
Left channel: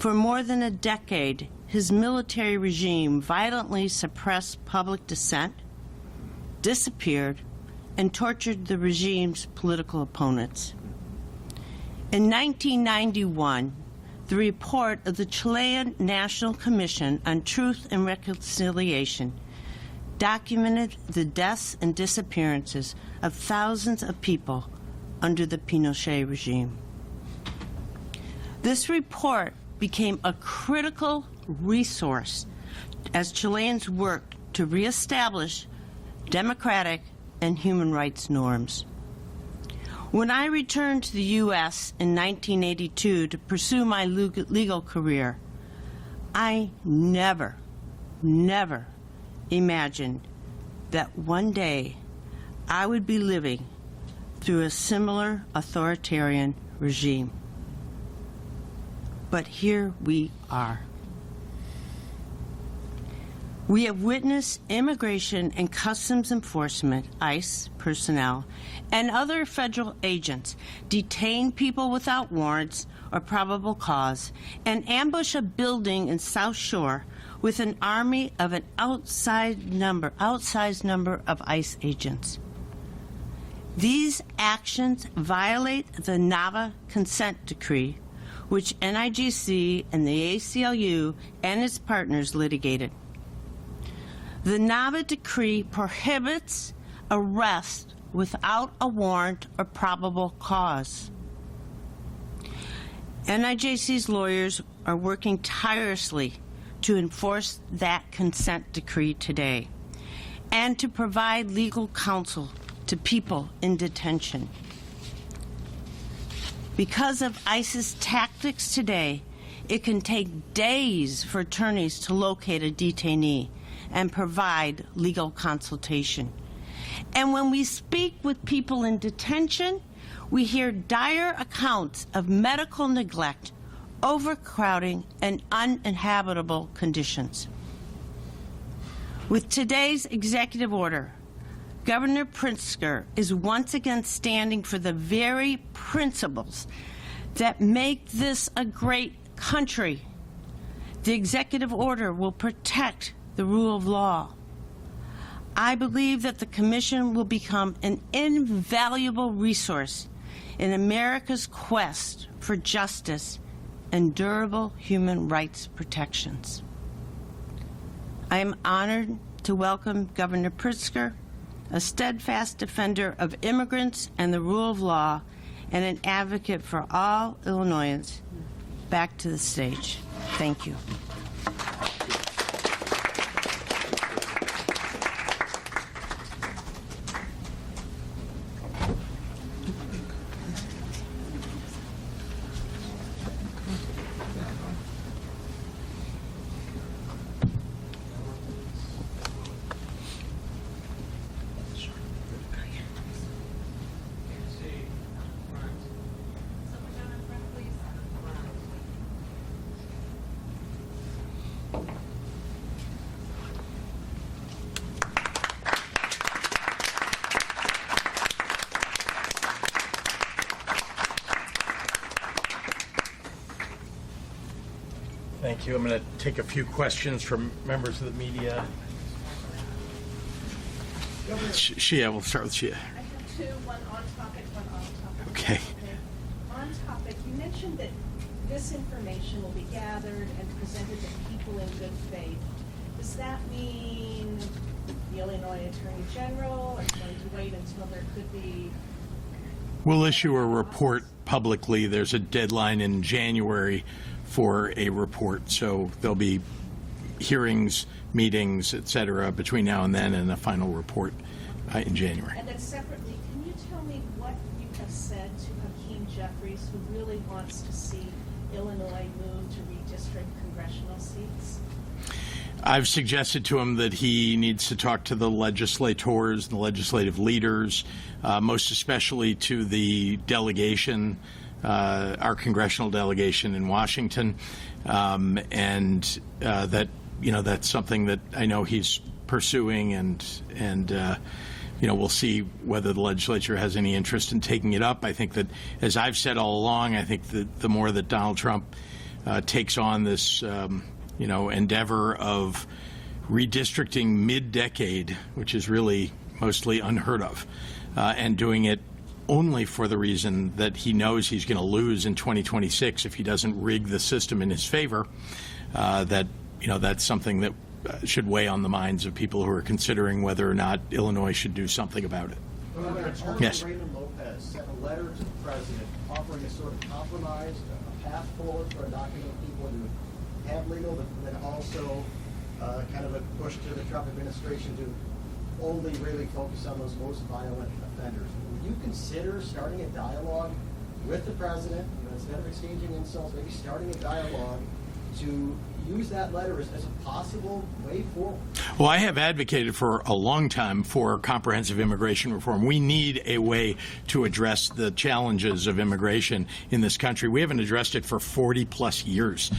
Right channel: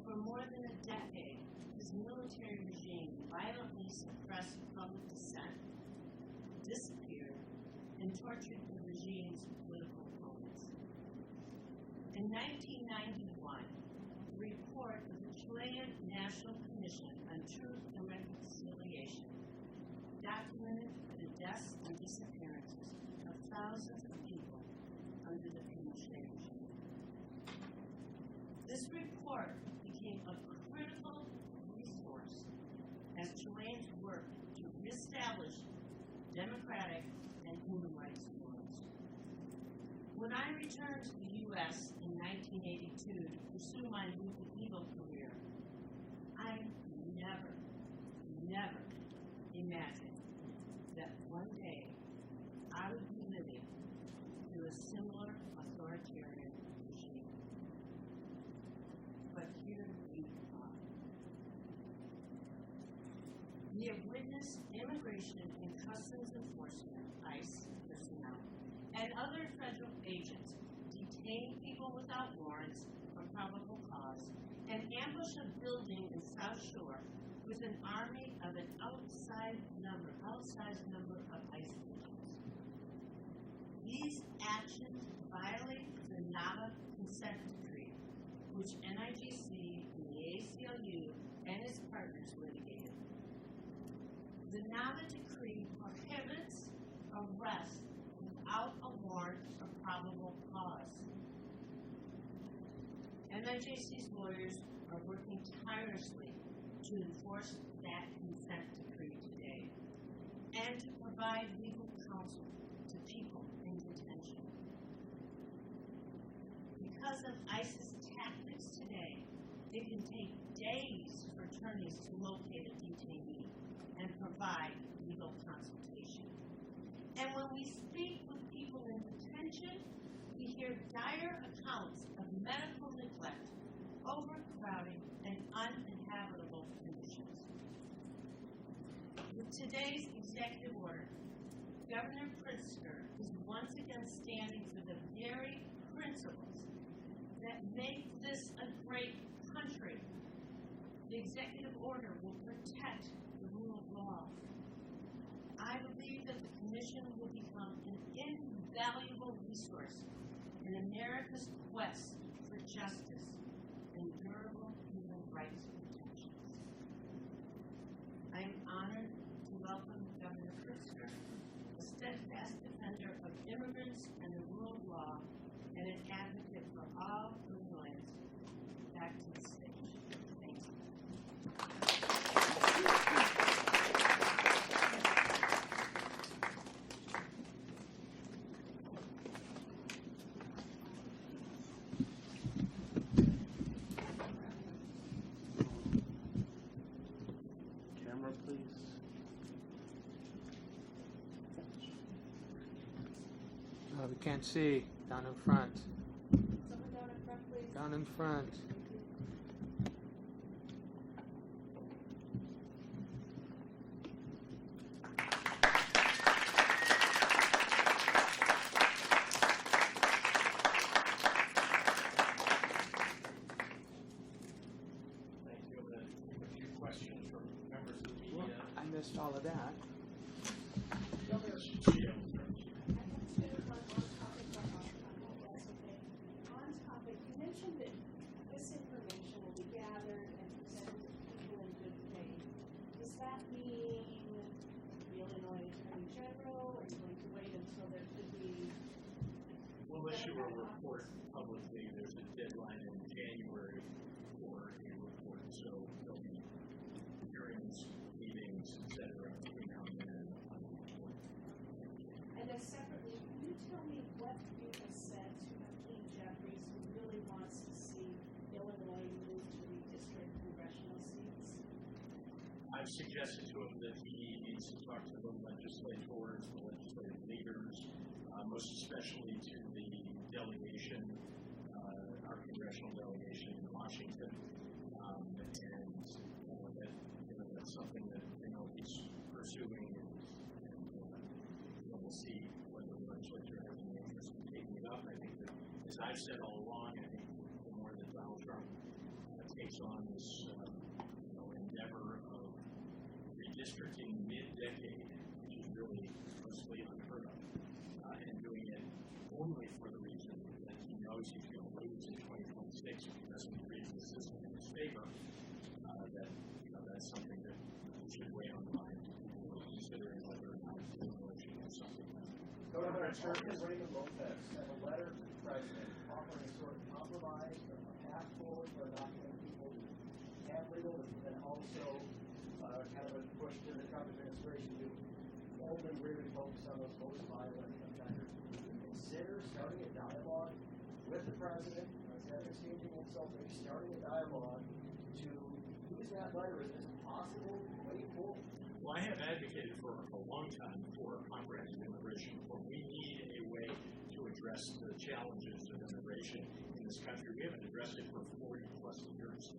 For more than a decade, his military regime violently suppressed public dissent, disappeared, and tortured the regime's political opponents. In 1991, the report of the Chilean National Commission on Truth and Reconciliation documented the deaths and disappearances of thousands of people under the Pinochet regime. This report became a critical resource as Chileans worked to reestablish democratic and human rights norms. When I returned to the U.S. in 1982 to pursue my legal career, I never imagined that one day I would be living through a similar authoritarian regime. But here we are. We have witnessed Immigration and Customs Enforcement, ICE personnel, and other federal agents detain people without warrants or probable cause and ambush a building in South Shore with an army of an outsized number of ICE agents. These actions violate the NAVA consent decree, which NIJC and the ACLU and its partners litigated. The NAVA decree prohibits arrest without a warrant or probable cause. NIJC's lawyers are working tirelessly to enforce that consent decree today and to provide legal counsel to people in detention. Because of ICE's tactics today, it can take days for attorneys to locate a detainee and provide legal consultation. And when we speak with people in detention, we hear dire accounts of medical neglect, overcrowding, and uninhabitable conditions. With today's executive order, Governor Pritzker is once again standing for the very principles that make this a great country. The executive order will protect the rule of law. I believe that the Commission will become an invaluable resource in America's quest for justice and durable human rights protections. I am honored to welcome Governor Pritzker, a steadfast defender of immigrants and the rule of law, and an advocate for all Illinoisans, back to the stage. Thank you. Can't see. Down in front. Down in front. Thank you. I'm going to take a few questions from members of the media. Shia, we'll start with Shia. Two, one on topic, one off topic. Okay. On topic, you mentioned that this information will be gathered and presented to people in good faith. Does that mean the Illinois Attorney General is going to wait until there could be? We'll issue a report publicly. There's a deadline in January for a report, so there'll be hearings, meetings, et cetera, between now and then, and a final report in January. And then separately, can you tell me what you have said to Hakeem Jeffries, who really wants to see Illinois move to redistrict congressional seats? I've suggested to him that he needs to talk to the legislators, the legislative leaders, most especially to the delegation, our congressional delegation in Washington, and that that's something that I know he's pursuing, and we'll see whether the legislature has any interest in taking it up. I think that, as I've said all along, I think that the more that Donald Trump takes on this endeavor of redistricting mid-decade, which is really mostly unheard of, and doing it only for the reason that he knows he's going to lose in 2026 if he doesn't rig the system in his favor, that's something that should weigh on the minds of people who are considering whether or not Illinois should do something about it. Yes. Raymond Lopez sent a letter to the president offering a sort of compromise, a path forward for undocumented people to have legal, but then also kind of a push to the Trump administration to only really focus on those most violent offenders. Would you consider starting a dialogue with the president, instead of exchanging insults, maybe starting a dialogue to use that letter as a possible way forward? Well, I have advocated for a long time for comprehensive immigration reform. We need a way to address the challenges of immigration in this country. We haven't addressed it for 40-plus years.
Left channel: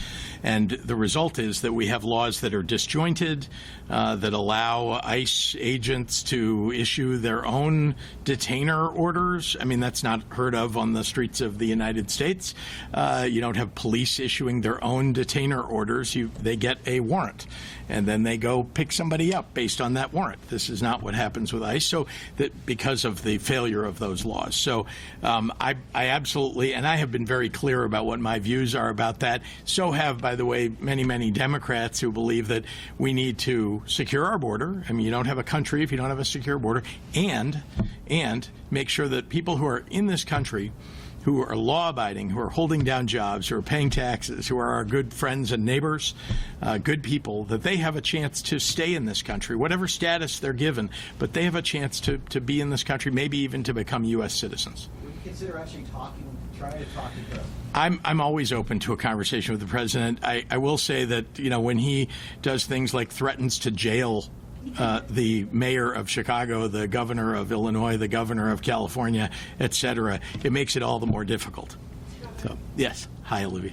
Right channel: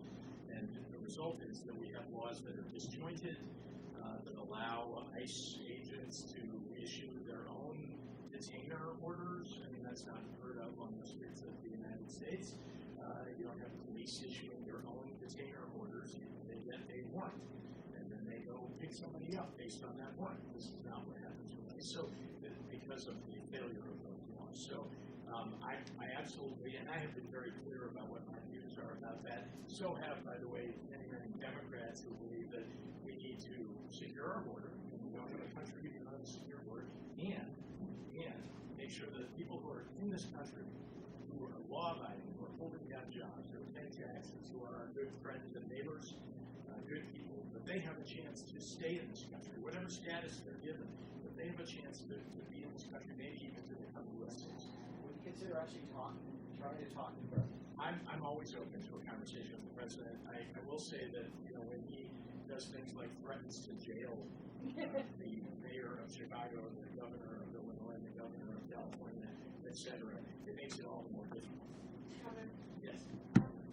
And the result is that we have laws that are disjointed, that allow ICE agents to issue their own detainer orders. I mean, that's not heard of on the streets of the United States. You don't have police issuing their own detainer orders. They get a warrant, and then they go pick somebody up based on that warrant. This is not what happens with ICE, so that because of the failure of those laws. So I absolutely, and I have been very clear about what my views are about that. So have, by the way, many, many Democrats who believe that we need to to secure our border. I mean, you don't have a country if you don't have a secure border, and make sure that people who are in this country, who are law-abiding, who are holding down jobs, who are paying taxes, who are our good friends and neighbors, good people, that they have a chance to stay in this country, whatever status they're given, but they have a chance to be in this country, maybe even to become U.S. citizens. Would you consider actually trying to talk to the I'm always open to a conversation with the president. I will say that, you know, when he does things like threatens to jail the mayor of Chicago, the governor of Illinois, the governor of California, et cetera, it makes it all the more difficult. So, yes. Hi, Olivia.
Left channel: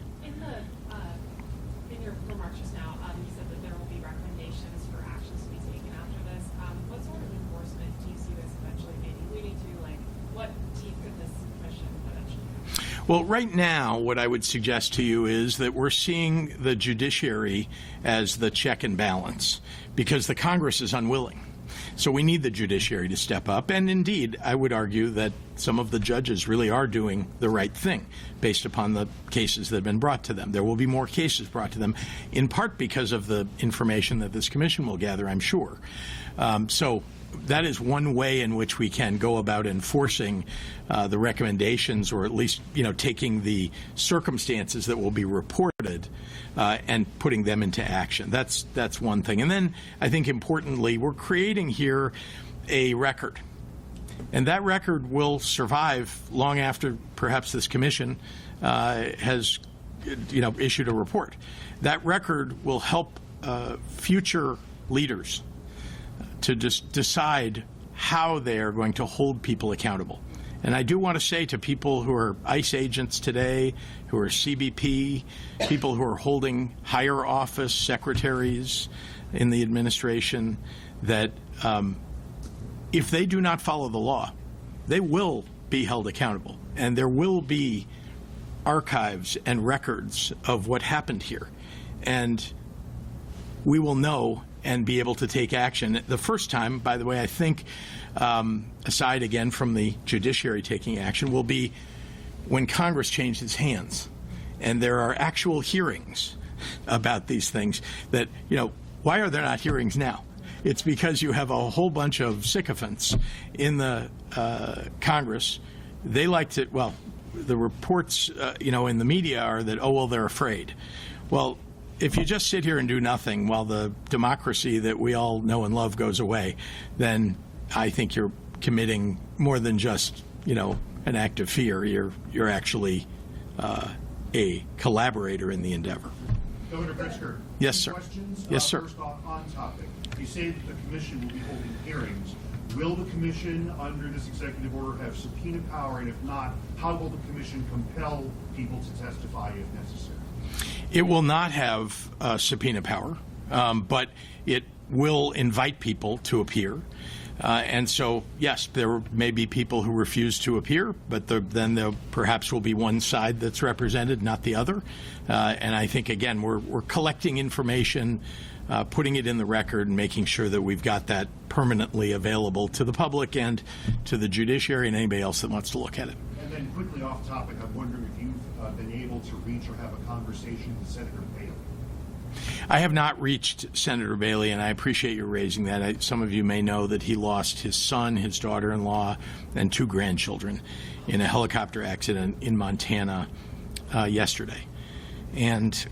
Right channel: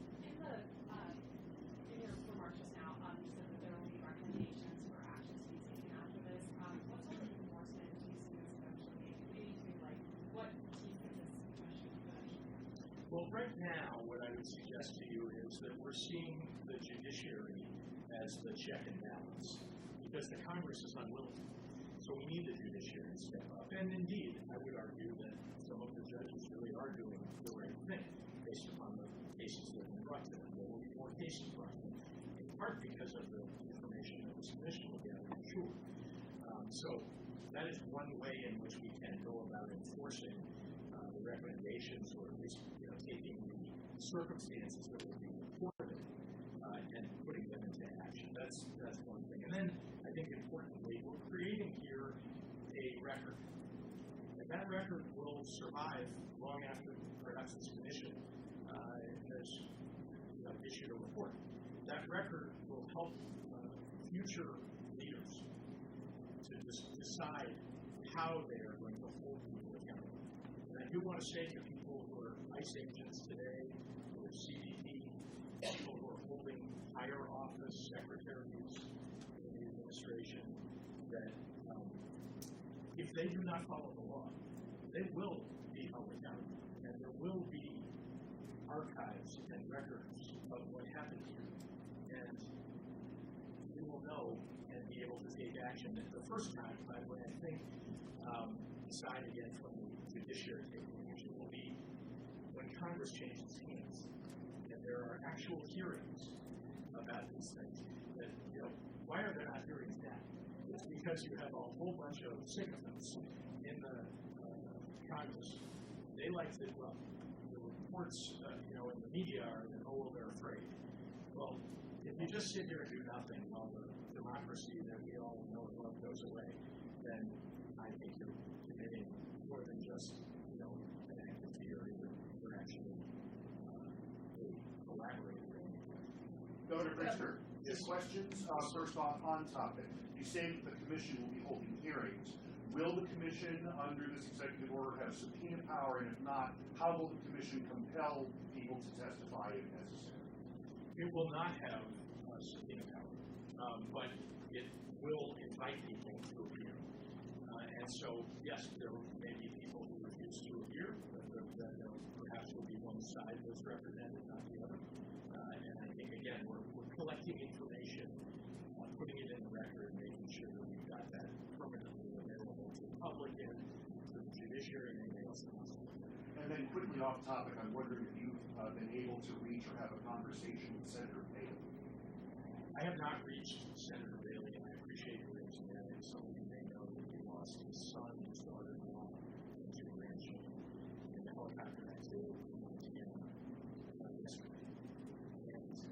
In your remarks just now, you said that there will be recommendations for actions to be taken after this. What sort of enforcement do you see this eventually maybe leading to? Like, what teeth could this commission eventually have? Well, right now, what I would suggest to you is that we're seeing the judiciary as the check and balance because the Congress is unwilling. So we need the judiciary to step up. And indeed, I would argue that some of the judges really are doing the right thing based upon the cases that have been brought to them. There will be more cases brought to them, in part because of the information that this commission will gather, I'm sure. So that is one way in which we can go about enforcing the recommendations, or at least, you know, taking the circumstances that will be reported and putting them into action. That's one thing. And then I think importantly, we're creating here a record. And that record will survive long after perhaps this commission has, you know, issued a report. That record will help future leaders to just decide how they are going to hold people accountable. And I do want to say to people who are ICE agents today, who are CBP, people who are holding higher office, secretaries in the administration, that if they do not follow the law, they will be held accountable. And there will be archives and records of what happened here. And we will know and be able to take action. The first time, by the way, I think, aside again from the judiciary taking action, will be when Congress changes hands and there are actual hearings about these things. That, you know, why are there not hearings now? It's because you have a whole bunch of sycophants in the Congress. They like to, well, the reports, you know, in the media are that, oh, well, they're afraid. Well, if you just sit here and do nothing while the democracy that we all know and love goes away, then I think you're committing more than just, you know, an act of fear. You're actually a collaborator in the endeavor. Governor Pritzker. Yes, sir. Questions? Yes, sir. First off, on topic. You say that the commission will be holding hearings. Will the commission, under this executive order, have subpoena power? And if not, how will the commission compel people to testify if necessary? It will not have subpoena power, but it will invite people to appear. And so, yes, there may be people who refuse to appear, but then there perhaps will be one side that's represented, not the other. And I think, again, we're collecting information, putting it in the record, and making sure that we've got that permanently available to the public and to the judiciary and anybody else that wants to look at it. And then quickly off topic, I'm wondering if you've been able to reach or have a conversation with Senator Bailey. I have not reached Senator Bailey, and I appreciate you raising that. Some of you may know that he lost his son, his daughter-in-law, and 2 grandchildren in a helicopter accident in Montana yesterday. And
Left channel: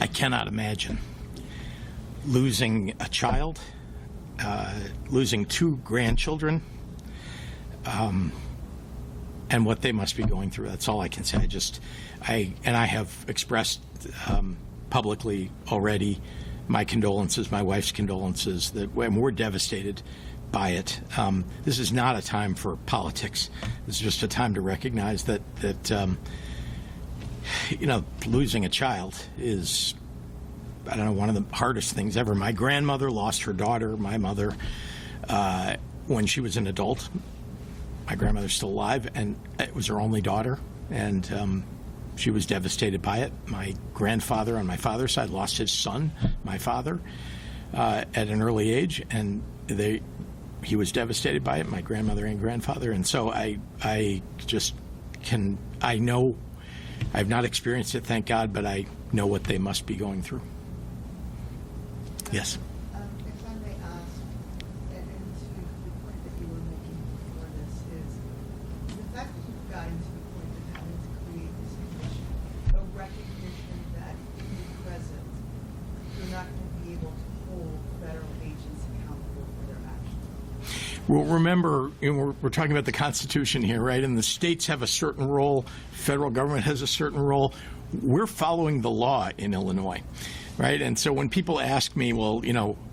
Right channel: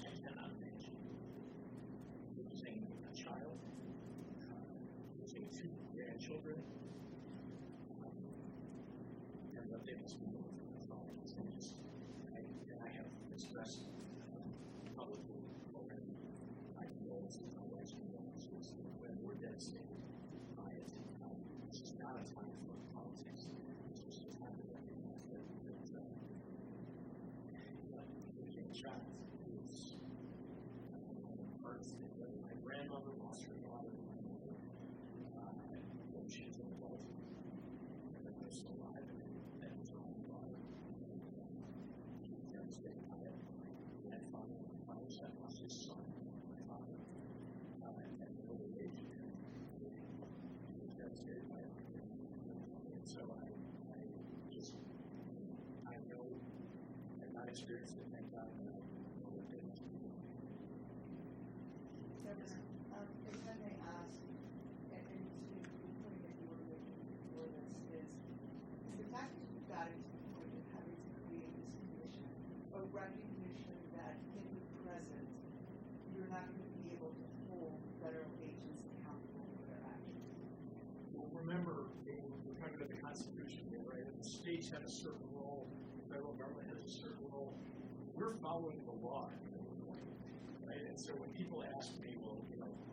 I cannot imagine losing a child, losing 2 grandchildren, and what they must be going through. That's all I can say. I have expressed publicly already my condolences, my wife's condolences, that we're devastated by it. This is not a time for politics. It's just a time to recognize that you know, losing a child is, I don't know, one of the hardest things ever. My grandmother lost her daughter, my mother, when she was an adult. My grandmother's still alive, and it was her only daughter, and she was devastated by it. My grandfather on my father's side lost his son, my father, at an early age, and he was devastated by it, my grandmother and grandfather. And so I know, I've not experienced it, thank God, but I know what they must be going through. Yes. If I may ask, and to the point that you were making before this, is the fact that you've gotten to the point of having to create this commission, a recognition that in the present, you're not going to be able to hold federal agents accountable for their actions. Well, remember, we're talking about the Constitution here, right? And the states have a certain role, federal government has a certain role. We're following the law in Illinois, right? And so when people ask me, well,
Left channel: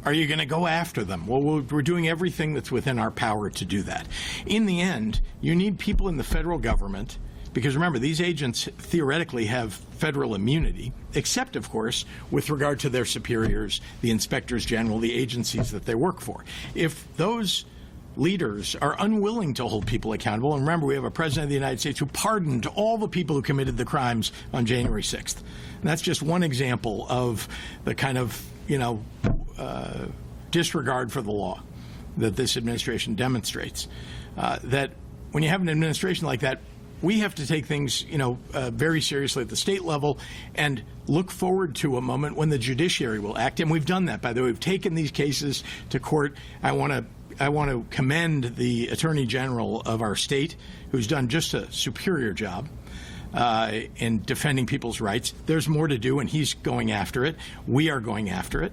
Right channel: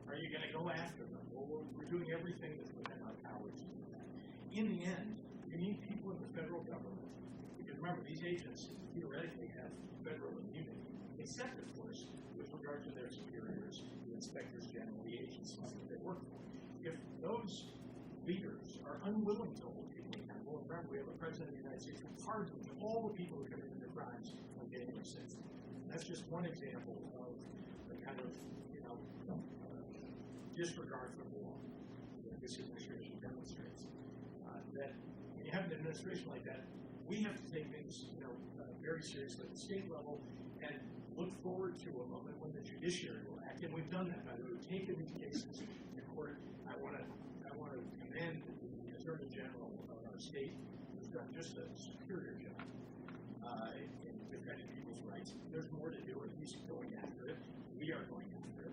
are you going to go after them? Well, we're doing everything that's within our power to do that. In the end, you need people in the federal government, because remember, these agents theoretically have federal immunity, except, of course, with regard to their superiors, the inspectors general, the agencies that they work for. If those leaders are unwilling to hold people accountable, and remember, we have a president of the United States who pardoned all the people who committed the crimes on January 6th. And that's just one example of the kind of, disregard for the law that this administration demonstrates. That when you have an administration like that, we have to take things, very seriously at the state level and look forward to a moment when the judiciary will act. And we've done that, by the way. We've taken these cases to court. I want to commend the Attorney General of our state, who's done just a superior job in defending people's rights. There's more to do, and he's going after it. We are going after it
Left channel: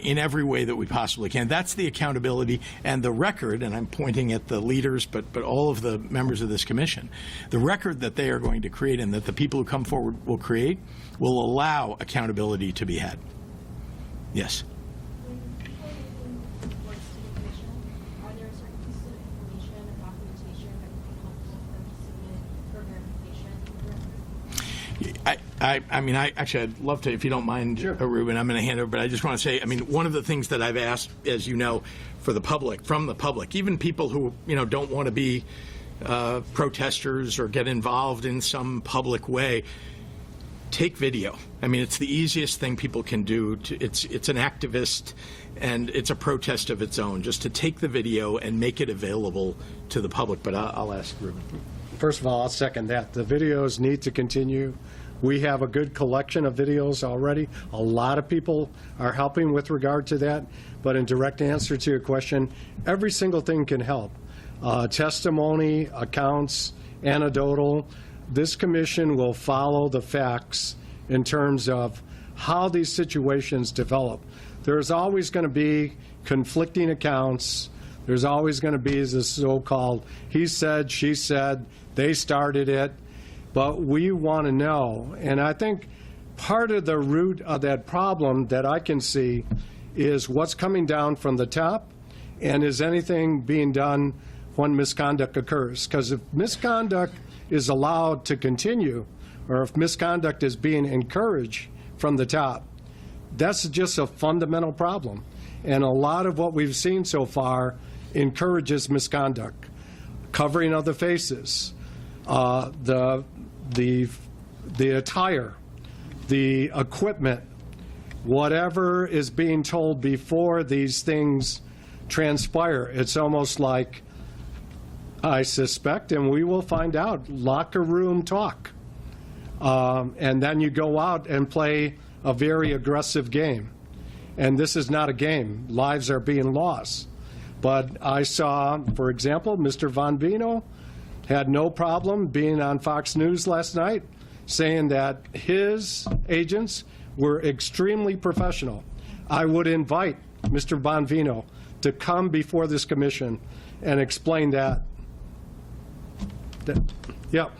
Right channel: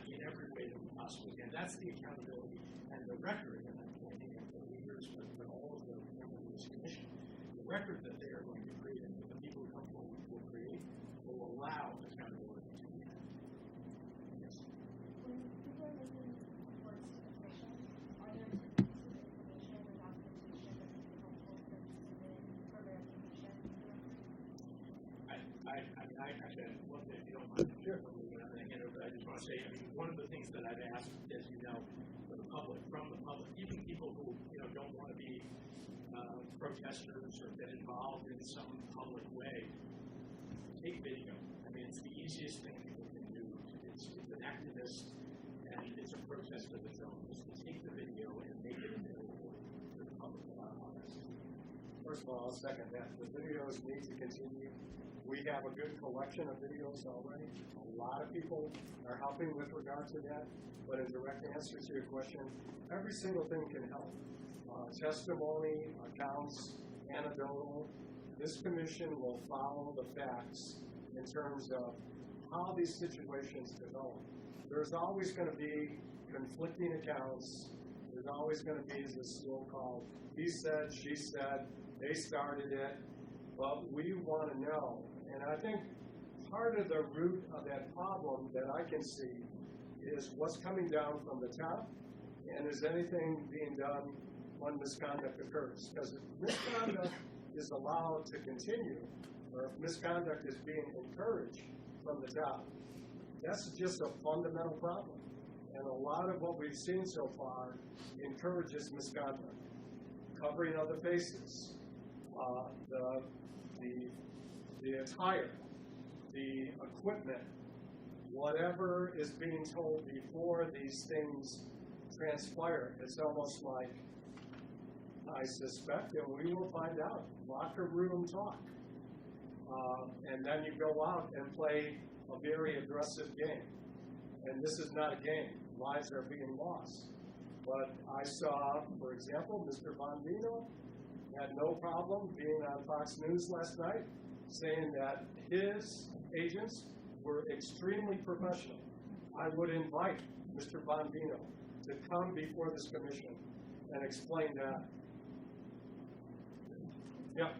in every way that we possibly can. That's the accountability and the record, and I'm pointing at the leaders, but all of the members of this commission. The record that they are going to create and that the people who come forward will create will allow accountability to be had. Yes? I'd love to, if you don't mind, Ruben, I'm going to hand over, but I just want to say, one of the things that I've asked, as you know, from the public, even people who, don't want to be protesters or get involved in some public way, take video. It's the easiest thing people can do. It's an activist, and it's a protest of its own, just to take the video and make it available to the public. But I'll ask Ruben. First of all, I'll second that. The videos need to continue. We have a good collection of videos already. A lot of people are helping with regard to that. But in direct answer to your question, every single thing can help. Testimony, accounts, anecdotal. This commission will follow the facts in terms of how these situations develop. There's always going to be conflicting accounts. There's always going to be this so-called he said, she said, they started it. But we want to know, and I think part of the root of that problem that I can see is what's coming down from the top, and is anything being done when misconduct occurs? Because if misconduct is allowed to continue, or if misconduct is being encouraged from the top, that's just a fundamental problem. And a lot of what we've seen so far encourages misconduct. Covering of the faces, the attire, the equipment, whatever is being told before these things transpire. It's almost like, I suspect, and we will find out, locker room talk. And then you go out and play a very aggressive game. And this is not a game. Lives are being lost. But I saw, for example, Mr. Bonvino had no problem being on Fox News last night saying that his agents were extremely professional. I would invite Mr. Bonvino to come before this commission and explain that. Yeah. Are you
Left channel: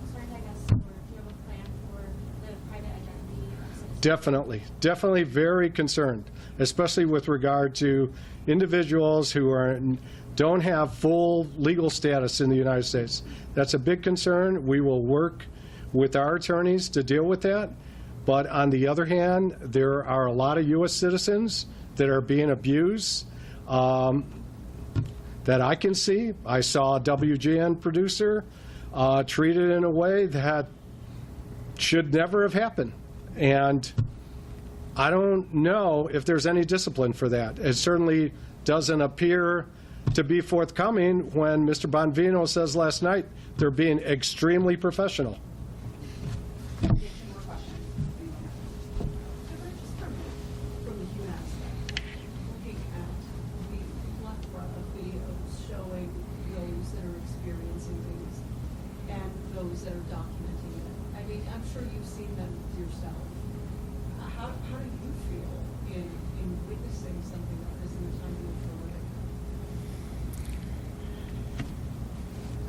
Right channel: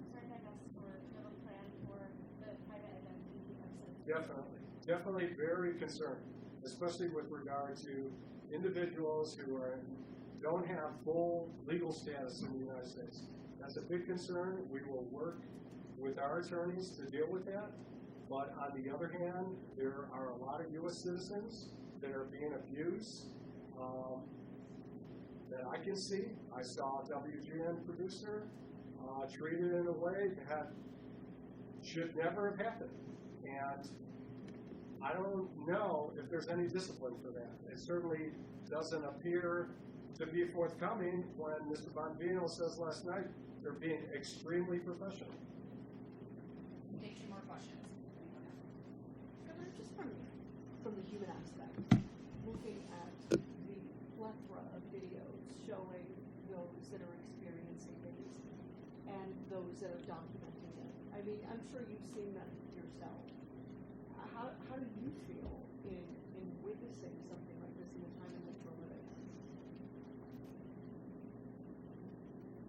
concerned, I guess, or do you have a plan for the private identity of citizens? Definitely very concerned, especially with regard to individuals who don't have full legal status in the United States. That's a big concern. We will work with our attorneys to deal with that. But on the other hand, there are a lot of U.S. citizens that are being abused that I can see. I saw a WGN producer treated in a way that should never have happened. And I don't know if there's any discipline for that. It certainly doesn't appear to be forthcoming when Mr. Bonvino says last night they're being extremely professional.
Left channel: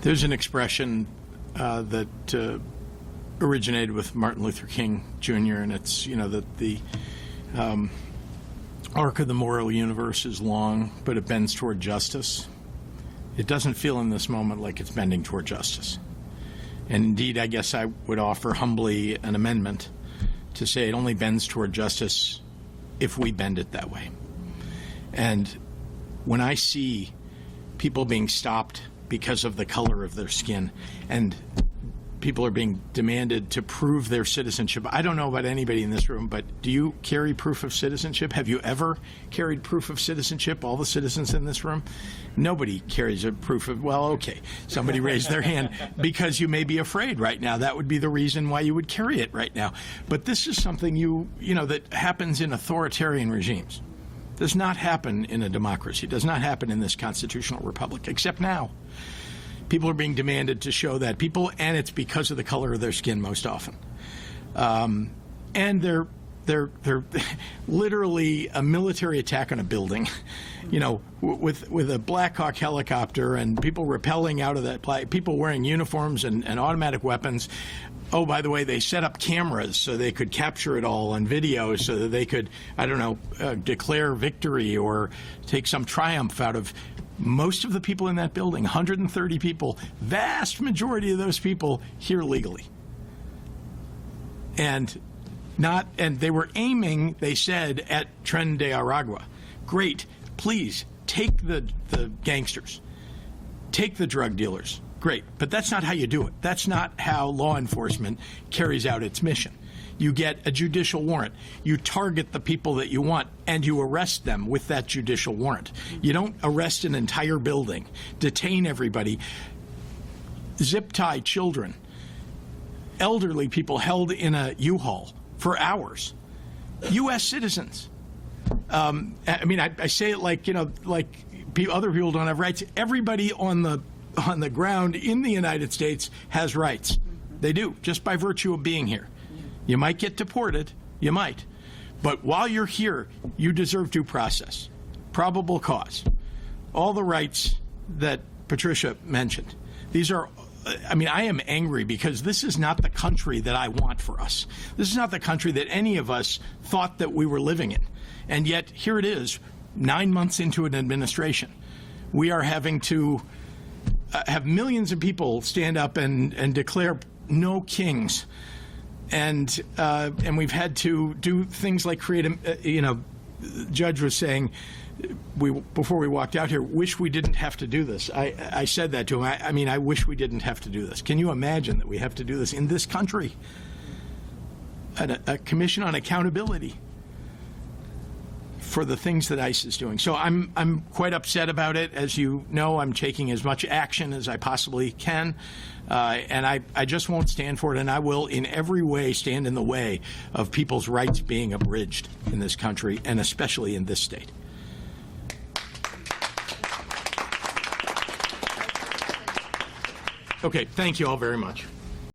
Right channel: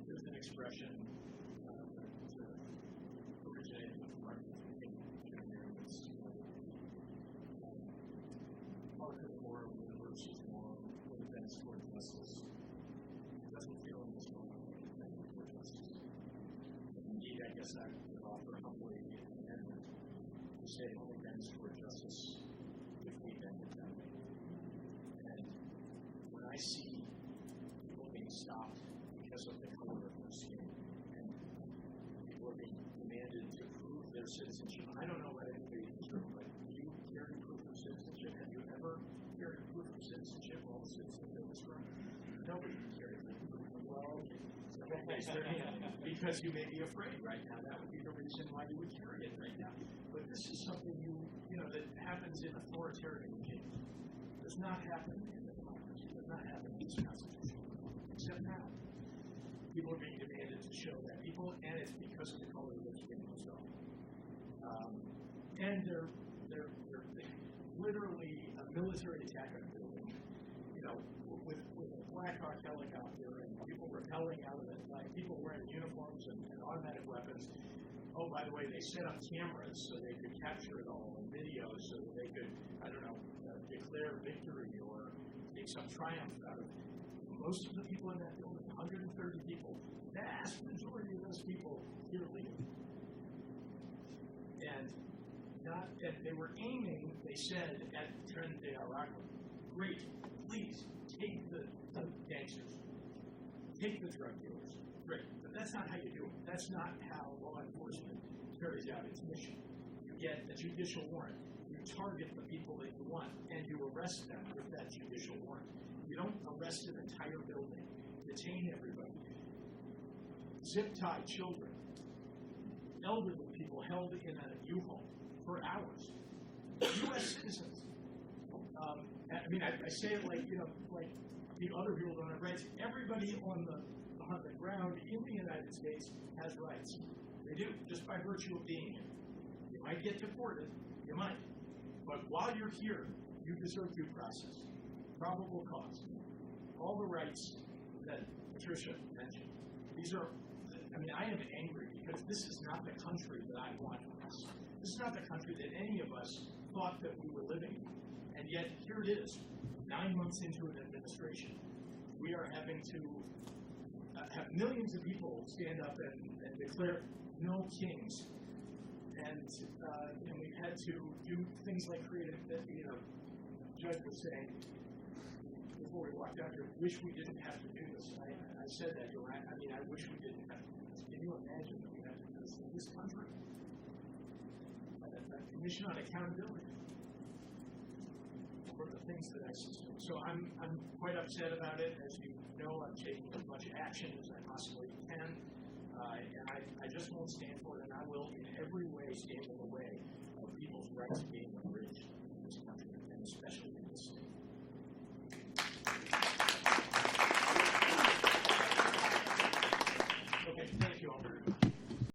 There's an expression that originated with Martin Luther King Jr., and it's, that the arc of the moral universe is long, but it bends toward justice. It doesn't feel in this moment like it's bending toward justice. And indeed, I guess I would offer humbly an amendment to say it only bends toward justice if we bend it that way. And when I see people being stopped because of the color of their skin, and people are being demanded to prove their citizenship. I don't know about anybody in this room, but do you carry proof of citizenship? Have you ever carried proof of citizenship, all the citizens in this room? Nobody carries a proof of, well, okay, somebody raised their hand because you may be afraid right now. That would be the reason why you would carry it right now. But this is something that happens in authoritarian regimes. Does not happen in a democracy. Does not happen in this constitutional republic, except now. People are being demanded to show that and it's because of the color of their skin most often. And they're literally a military attack on a building, with a Black Hawk helicopter and people rappelling out of that, people wearing uniforms and automatic weapons. Oh, by the way, they set up cameras so they could capture it all on video so that they could, declare victory or take some triumph out of most of the people in that building, 130 people, vast majority of those people here legally. And they were aiming, they said, at Tren de Aragua. Great, please take the gangsters, take the drug dealers. Great, but that's not how you do it. That's not how law enforcement carries out its mission. You get a judicial warrant. You target the people that you want, and you arrest them with that judicial warrant. You don't arrest an entire building, detain everybody, zip-tie children, elderly people held in a U-Haul for hours, U.S. citizens. I say it like other people don't have rights. Everybody on the ground in the United States has rights. They do, just by virtue of being here. You might get deported, you might. But while you're here, you deserve due process, probable cause, all the rights that Patricia mentioned. These are, I am angry because this is not the country that I want for us. This is not the country that any of us thought that we were living in. And yet, here it is, 9 months into an administration. We are having to have millions of people stand up and declare no kings. And we've had to do things like create the judge was saying, before we walked out here, wish we didn't have to do this. I said that to him. I wish we didn't have to do this. Can you imagine that we have to do this in this country? A commission on accountability for the things that ICE is doing. So I'm quite upset about it. As you know, I'm taking as much action as I possibly can. And I just won't stand for it, and I will in every way stand in the way of people's rights being abridged in this country, and especially in this state. Okay, thank you all very much.